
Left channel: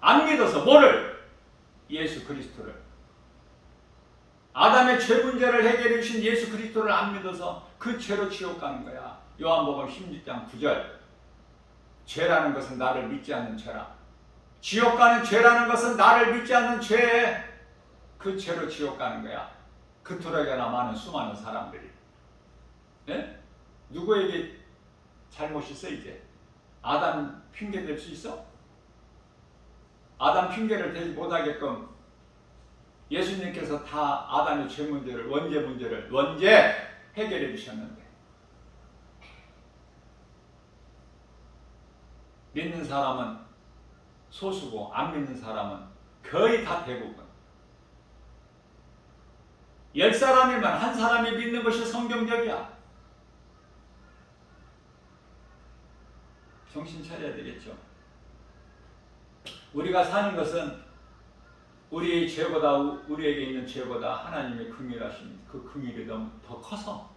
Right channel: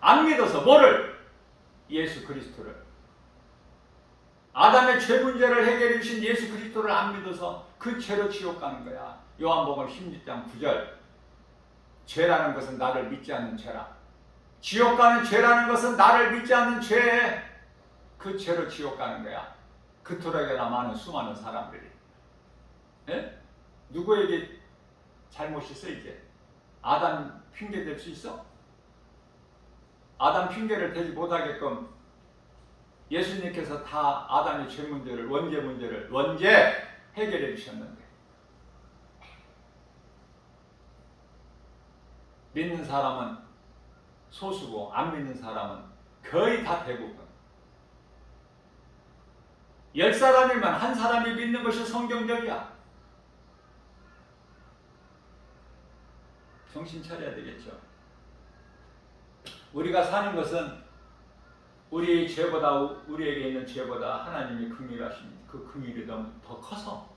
안 믿어서 뭐를? 예수 그리스도를. 아담의 죄 문제를 해결해 주신 예수 그리스도를 안 믿어서 그 죄로 지옥 가는 거야. 요한복음 16장 9절. 죄라는 것은 나를 믿지 않는 죄라. 지옥 가는 죄라는 것은 나를 믿지 않는 죄에 그 죄로 지옥 가는 거야. 그토록이나 많은 수많은 사람들이. 예? 누구에게 잘못이 있어 이제? 아담 핑계 댈 수 있어? 아담 핑계를 대지 못하게끔 예수님께서 다 아담의 죄 문제를, 원죄 해결해 주셨는데, 믿는 사람은 소수고 안 믿는 사람은 거의 다 대부분. 10사람이면 한 사람이 믿는 것이 성경적이야. 정신 차려야 되겠죠. 우리가 사는 것은 우리의 죄보다, 우리에게 있는 죄보다 하나님의 긍휼하심, 그 긍휼이 너무 더 커서,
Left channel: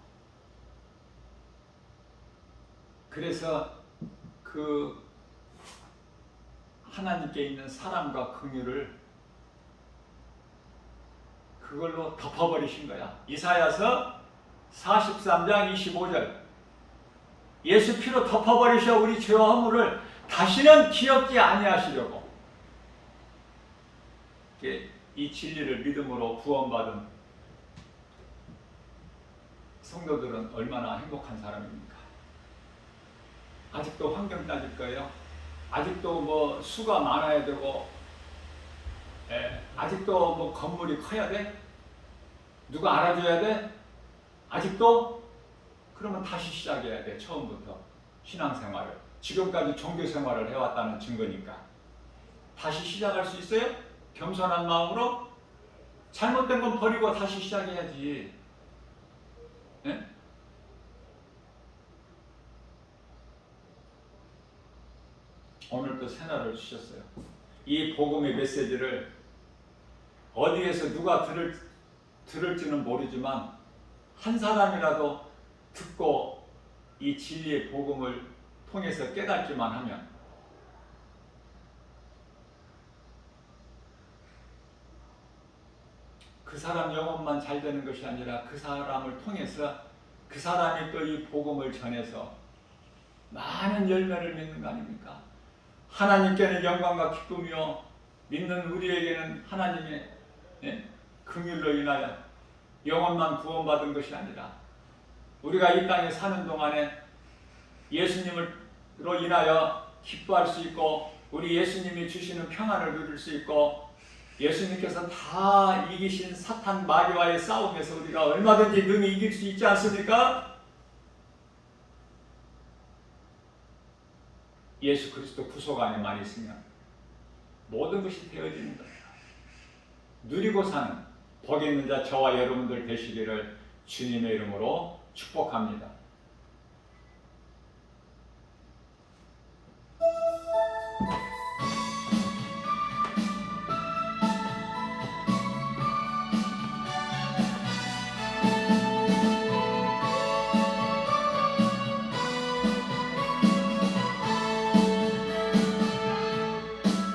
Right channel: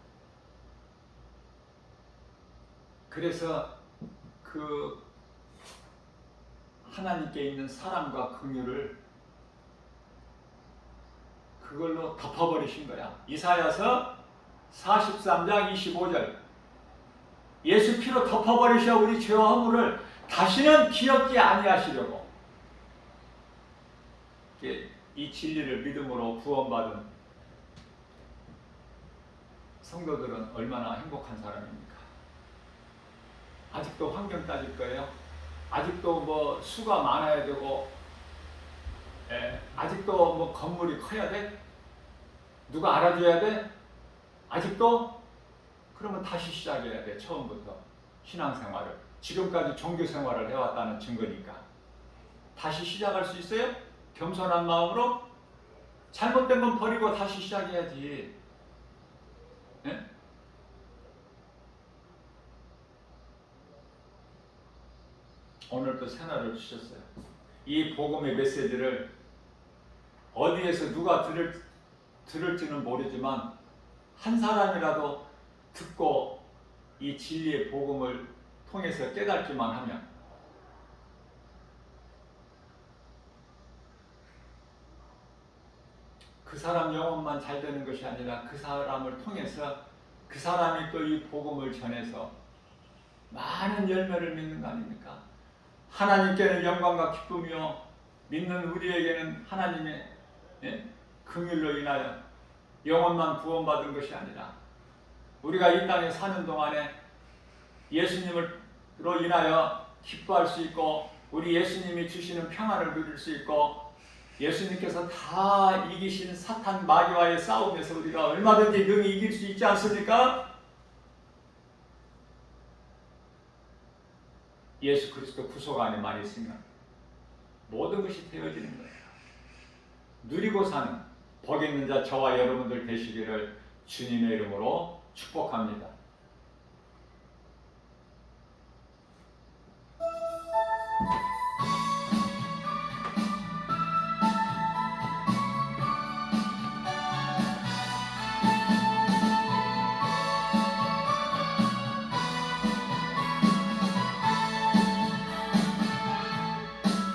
그래서 그 하나님께 있는 사랑과 긍휼을 그걸로 덮어버리신 거야. 이사야서 43장 25절. 예수 피로 덮어버리셔 우리 죄와 허물을 다시는 기억지 아니하시려고. 이 진리를 믿음으로 구원받은 성도들은 얼마나 행복한 사람입니까? 아직도 환경 따질 거예요? 아직도 뭐 수가 많아야 되고, 아직도 뭐 건물이 커야 돼? 누가 알아줘야 돼? 아직도? 그러면 다시 시작해야 돼. 처음부터 신앙생활을. 지금까지 종교생활을 해왔다는 증거니까. 다시 시작할 수 있어요? 겸손한 마음으로? 잘못된 건 버리고 다시 시작해야지. 예? 오늘 또 새날을 주셨어요. 이 복음의 메시지를 어디에서 누가 들을지는 모르지만 한 사람이라도 듣고 이 진리의 복음을 통해서 깨닫기만 하면 그 사람 영혼만 잘 되는 것이 아니라 그 사람을 통해서 그 사람이 또 이 복음을 전해서 많은 열매를 맺는 거 아닙니까? 하나님께는 영광과 기쁨이요 믿는 우리에게는 하나님의 긍휼로 인하여 영혼만 구원받은 것이 아니라 우리가 이 땅에 사는 동안에 예수님으로 인하여 기뻐할 수 있고 우리 예수님이 주시는 평안을 누릴 수 있고 예수님께서 다 이기신 사탄 마귀와의 싸움에서 우리가 얼마든지 능히 이길 수 있지 않습니까? 예수 그리스도 구속 안에만 있으면 모든 것이 되어지는 거예요. 누리고 사는 복 있는 자 저와 여러분들 되시기를 주님의 이름으로 축복합니다.